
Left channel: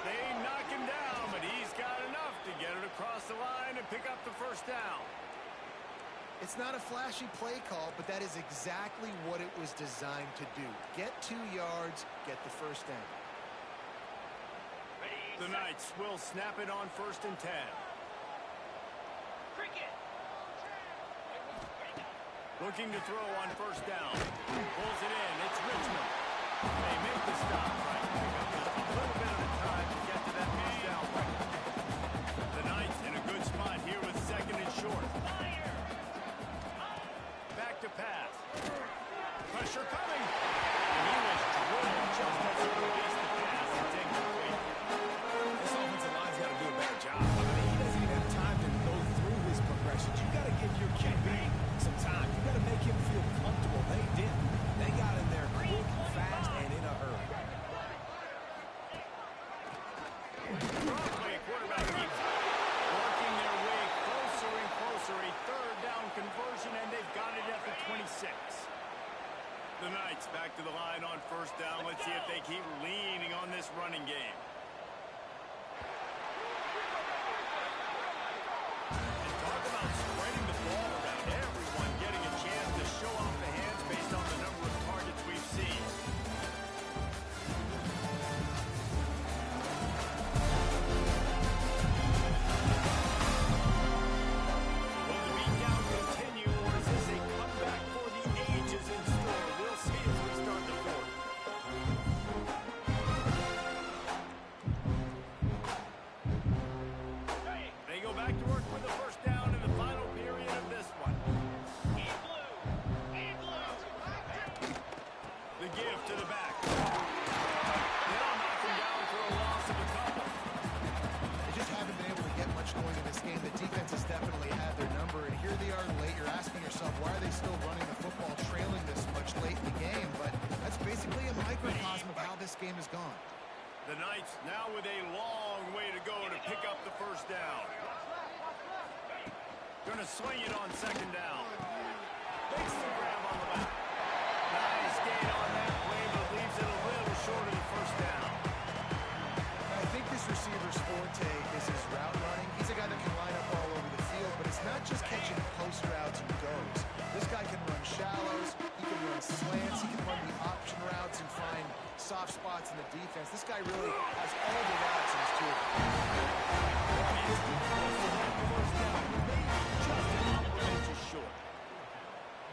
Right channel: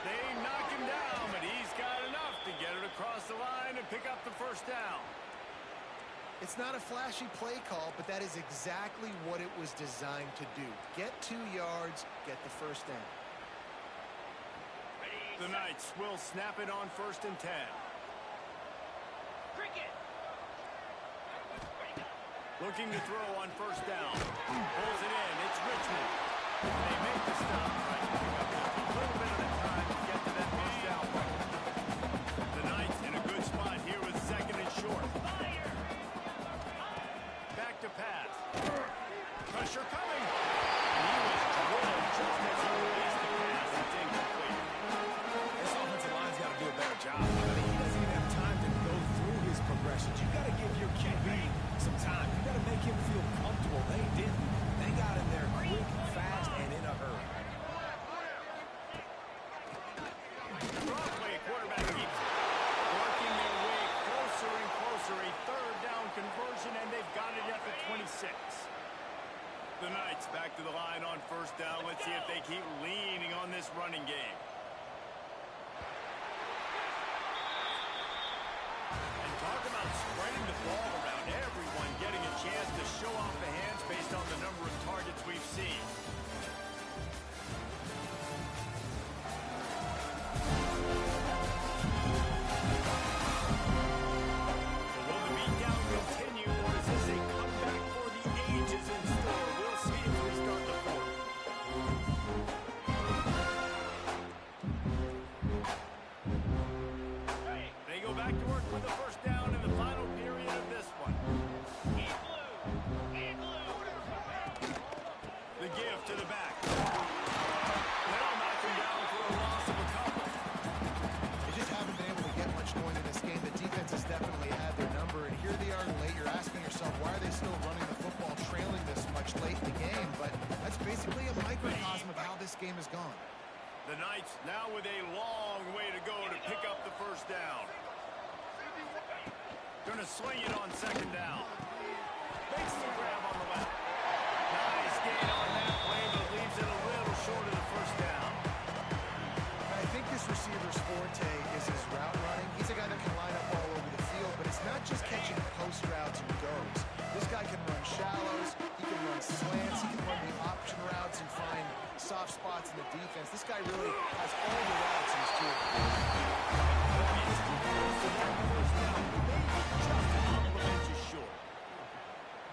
They knock him down, but he's got enough to get it across the line and pick up the first down. It's not a flashy play call, but that is exactly what it was designed to do. Get 2 yards, get the first down. The Knights will snap it on first and 10. Looking to throw on first down. Pulls it in. It's Richmond. They make the stop, trying to pick up just a little bit of the time to get to that first down. The Knights in a good spot here with second and short. Back to pass. Pressure coming. And he was drilled just as he released the pass. It's incomplete. This offensive line's got to do a better job. I mean, he doesn't even have time to go through his progressions. You got to give your QB some time. You got to make him feel comfortable. They didn't. They got in there quick, fast, and in a hurry. Broadway quarterback keeps working their way closer and closer. A third down conversion, and they've got it at the 26. The Knights back to the line on first down. Let's see if they keep leaning on this running game. And talk about spreading the ball around. Everyone getting a chance to show off the hands based on the number of targets we've seen. Back to work with the first down in the final period of this one. The give to the back. They'll knock him down for a loss of a couple. They just haven't been able to get much going in this game. The defense has definitely had their number, and here they are late. You're asking yourself, why are they still running the football, trailing this much late in the game? But that's basically a microcosm of how this game has gone. The Knights now with a long way to go to pick up the first down. Gonna swing it on second down. Makes the grab on the left. Nice gain on that play, but leaves it a little short of the first down. I think this receiver's forte is his route running. He's a guy that can line up all over the field, but it's not just catching post routes and goes. This guy can run shallows, he can run slants, he can run the option routes and find soft spots in the defense. This guy really has all the routes in his tool. It's too close to that first down. Maybe just a couple of inches short.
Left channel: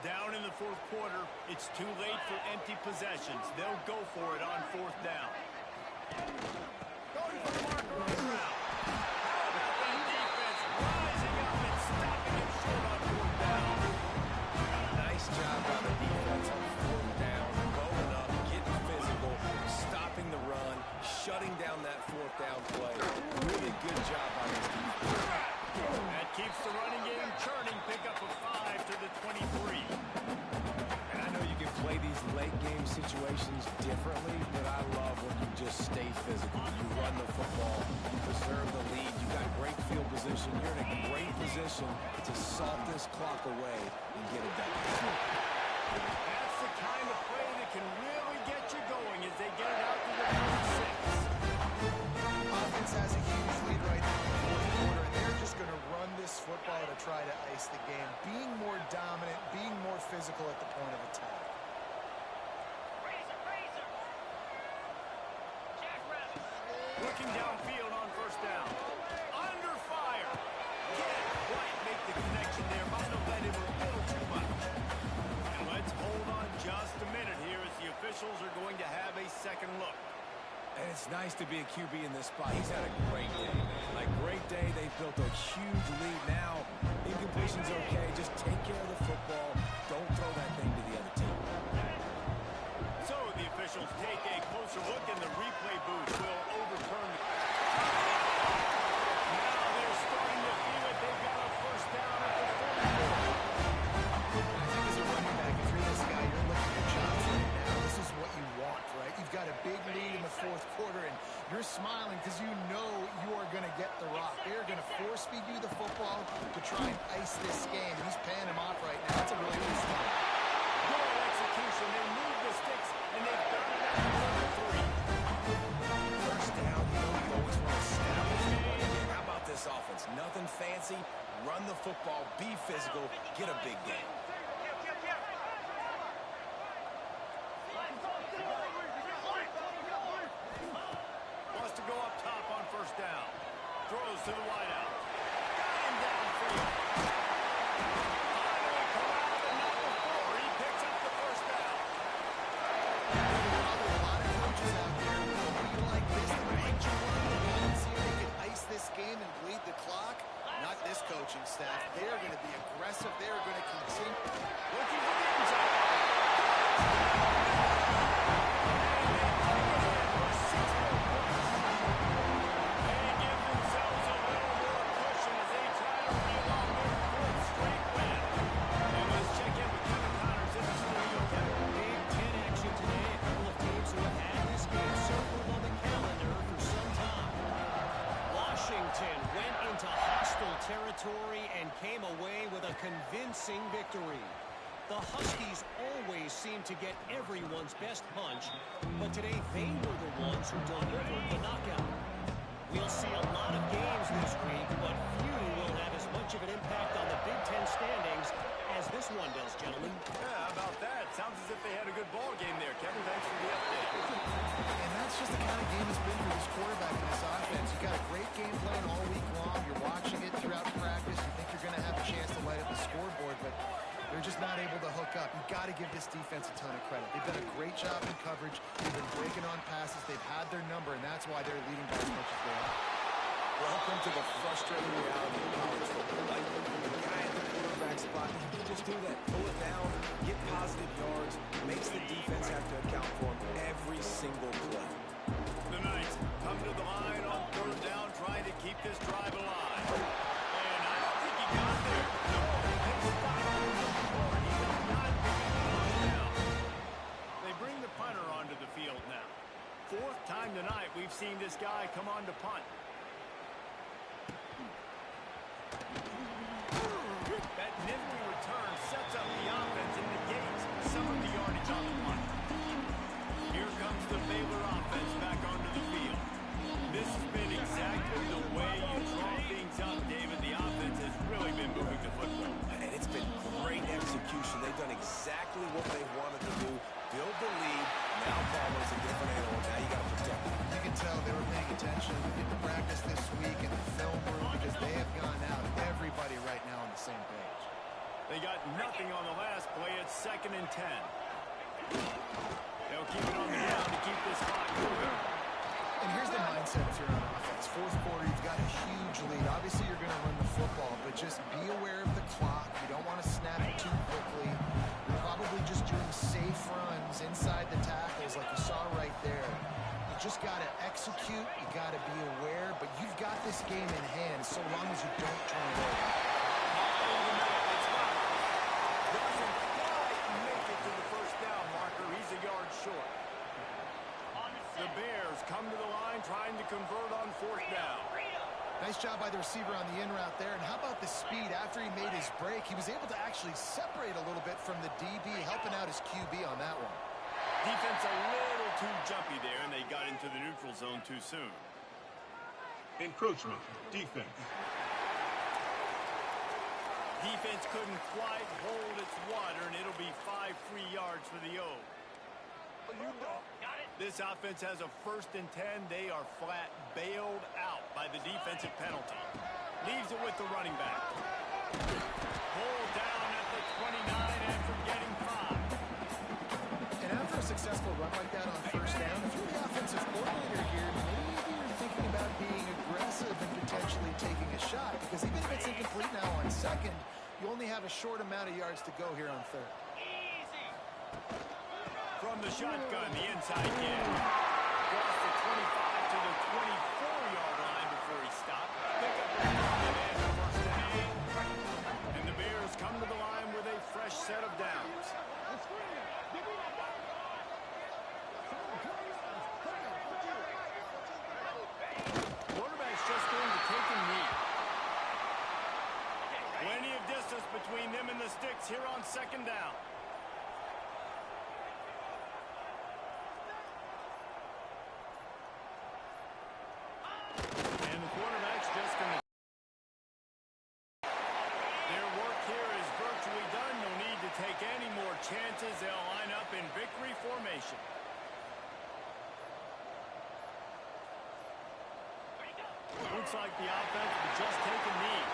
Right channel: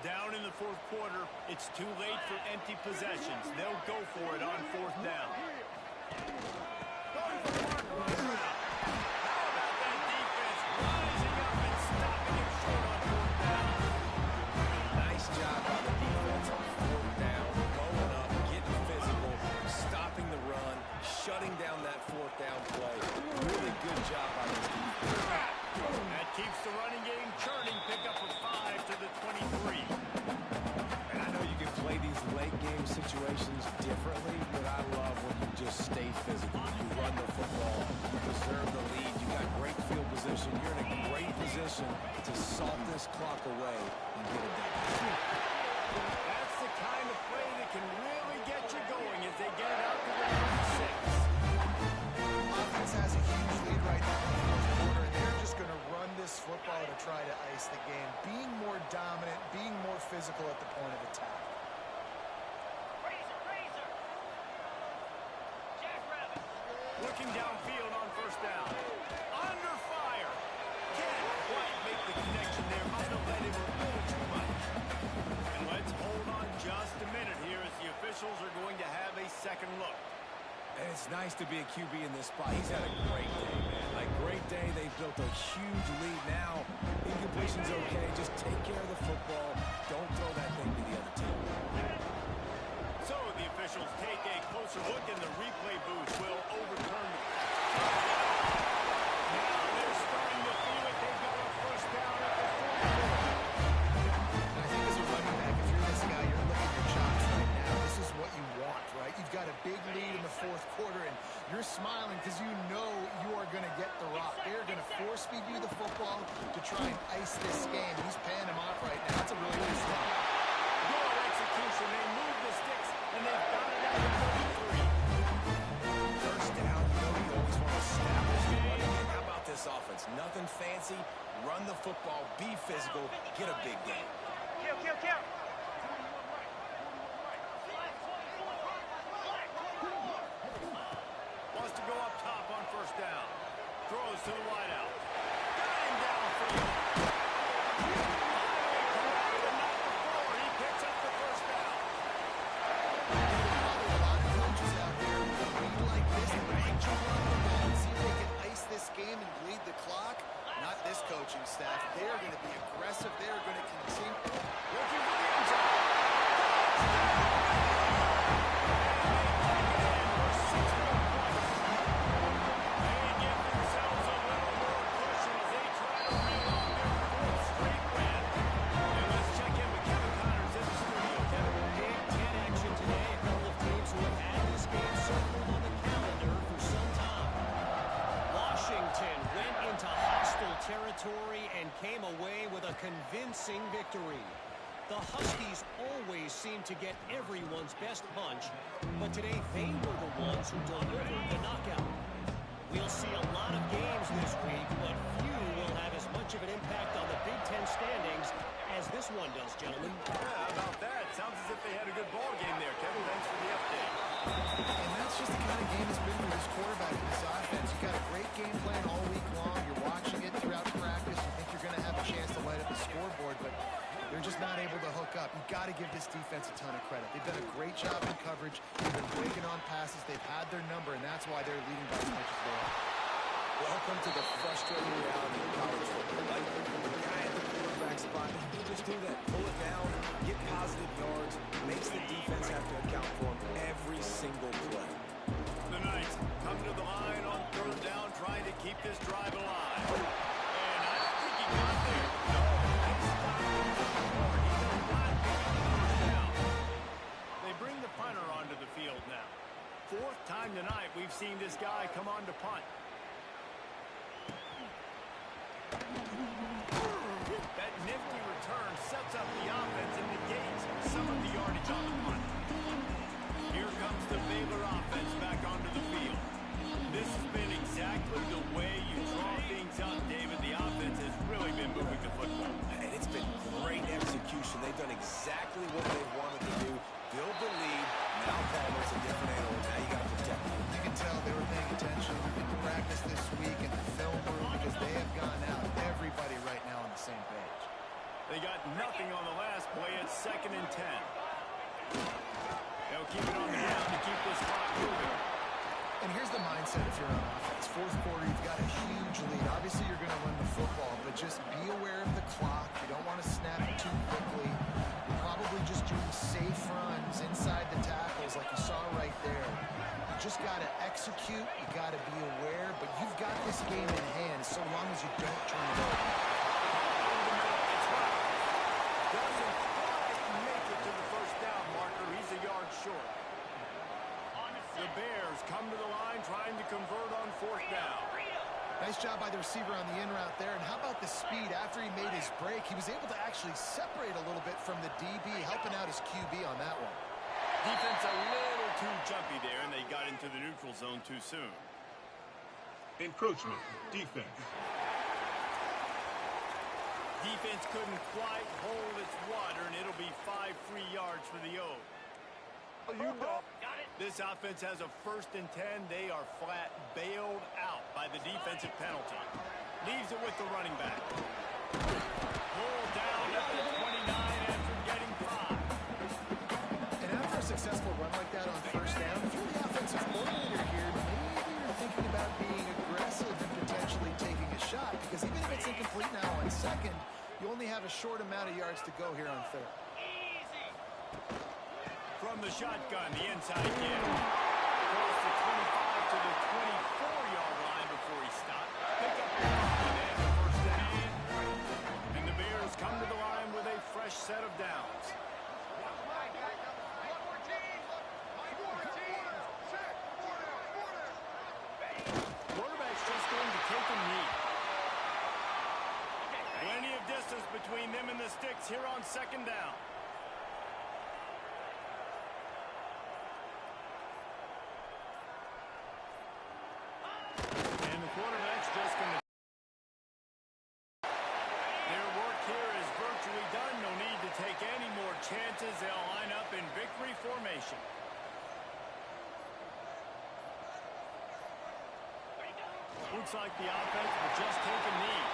Down in the fourth quarter, it's too late for empty possessions. They'll go for it on fourth down. Going for the marker on the ground. How about that defense rising up and stopping him short on fourth down? Nice job by the defense on fourth down, going up, getting physical, stopping the run, shutting down that fourth down play. Really good job by this defense. That keeps the running game churning. Pick up a 5 to the 23. And I know you can play these late game situations differently, but I love when you just stay physical. You run the football, you preserve the lead, you got great field position, you're in a great position to salt this clock away and get it done. That's the kind of play that can really get you going as they get it out to the 36. Offense has a huge lead right now in the fourth quarter, and they're just going to run this football to try to ice the game. Being more dominant, being more physical at the point of attack. Looking downfield on first down. Under fire. Can't quite make the connection there. Might have led him a little too much. And let's hold on just a minute here as the officials are going to have a second look. And it's nice to be a QB in this spot. He's had a great day, man. Like, great day. They've built a huge lead now. Incompletion's okay. Just take care of the football. Don't throw that thing to the other team. So the officials take a closer look, and the replay booth will overturn the... Now they're starting to feel it. They've got a first down at the 44. And I think as a running back, if you're this guy, you're licking your chops right now. This is what you want, right? You've got a big lead in the fourth quarter, and you're smiling because you know you are going to get the rock. They're going to force-feed you the football to try and ice this game. And he's paying him off right now. That's a really nice run. Good execution. They move the sticks, and they've got it at the 33. First down, you know you always want to establish the running game. How about this offense? Nothing fancy. Run the football. Be physical. Get a big game. Wants to go up top on first down. Throws to the wideout. Got him downfield. Finally corralled, but not before. He picks up the first down. There's probably a lot of coaches out there with a lead like this that would like to run the ball and see if they can ice this game and bleed the clock. Not this coaching staff. They are going to be aggressive. They are going to continue. Looking for the end zone. Territory and came away with a convincing victory. The Huskies always seem to get everyone's best punch, but today they were the ones who delivered the knockout. We'll see a lot of games this week, but few will have as much of an impact on the Big Ten standings as this one does, gentlemen. Yeah, how about that? Sounds as if they had a good ball game there, Kevin. Thanks for the update. And that's just the kind of game it's been for this quarterback and this offense. You got a great game plan all week long. You're watching it throughout practice. You think you're going to have a chance to light up the scoreboard, but they're just not able to hook up. You've got to give this defense a ton of credit. They've done a great job in coverage. They've been breaking on passes. They've had their number, and that's why they're leading by as much as they are. Welcome to the frustrating reality of college football. Like, the guy at the quarterback spot, he can just do that. Pull it down, get positive yards, makes the defense have to account for him every single play. The Knights come to the line on third down, trying to keep this drive alive. And I don't think he got there. No, they stopped him short. He does not pick up the first down. They bring the punter onto the field now. Fourth time tonight we've seen this guy come on to punt. That nifty return sets up the offense and negates some of the yardage on the punt. Here comes the Baylor offense back onto the field. This has been exactly the way you draw things up, David. The offense has really been moving the football. And it's been great execution. They've done exactly what they wanted to do. Build the lead. Now Palmer's a different animal. Now you got to protect him. You can tell they were paying attention in practice this week in the film room because they have gone out. Everybody right now on the same page. They got nothing on the last play. It's 2nd and 10. They'll keep it on the ground to keep this clock moving. And here's the mindset mindset if you're on offense. Fourth quarter, you've got a huge lead. Obviously, you're going to run the football, but just be aware of the clock. You don't want to snap it too quickly. You're probably just doing safe runs inside the tackles like you saw right there. You just got to execute. You got to be aware, but you've got this game in hand so long as you don't turn it over. Over the middle. It's Roberts. Doesn't quite make it to the first down marker. He's a yard short. The Bears come to the line trying to convert on fourth down. Nice job by the receiver on the in route there. And how about the speed after he made his break? He was able to actually separate a little bit from the DB, helping out his QB on that one. Defense a little too jumpy there, and they got into the neutral zone too soon. Encroachment. Defense. Defense couldn't quite hold its water, and it'll be 5 free yards for the O. This offense has a 1st and 10. They are flat bailed out by the defensive penalty. Leaves it with the running back. Pulled down at the 29 after getting 5. And after a successful run like that on first down, if you're the offensive coordinator here, maybe you're thinking about being aggressive and potentially taking a shot, because even if it's incomplete now on second, you only have a short amount of yards to go here on third. From the shotgun, the inside give. Across the 25 to the 24-yard line before he stopped. Pick up a 5 and a first down. And the Bears come to the line with a fresh set of downs. Quarterback's just going to take a knee. Plenty of distance between them and the sticks here on second down. Quarterback's just going to... Their work here is virtually done. No need to take any more chances. They'll line up in victory formation. Looks like the offense will just take a knee.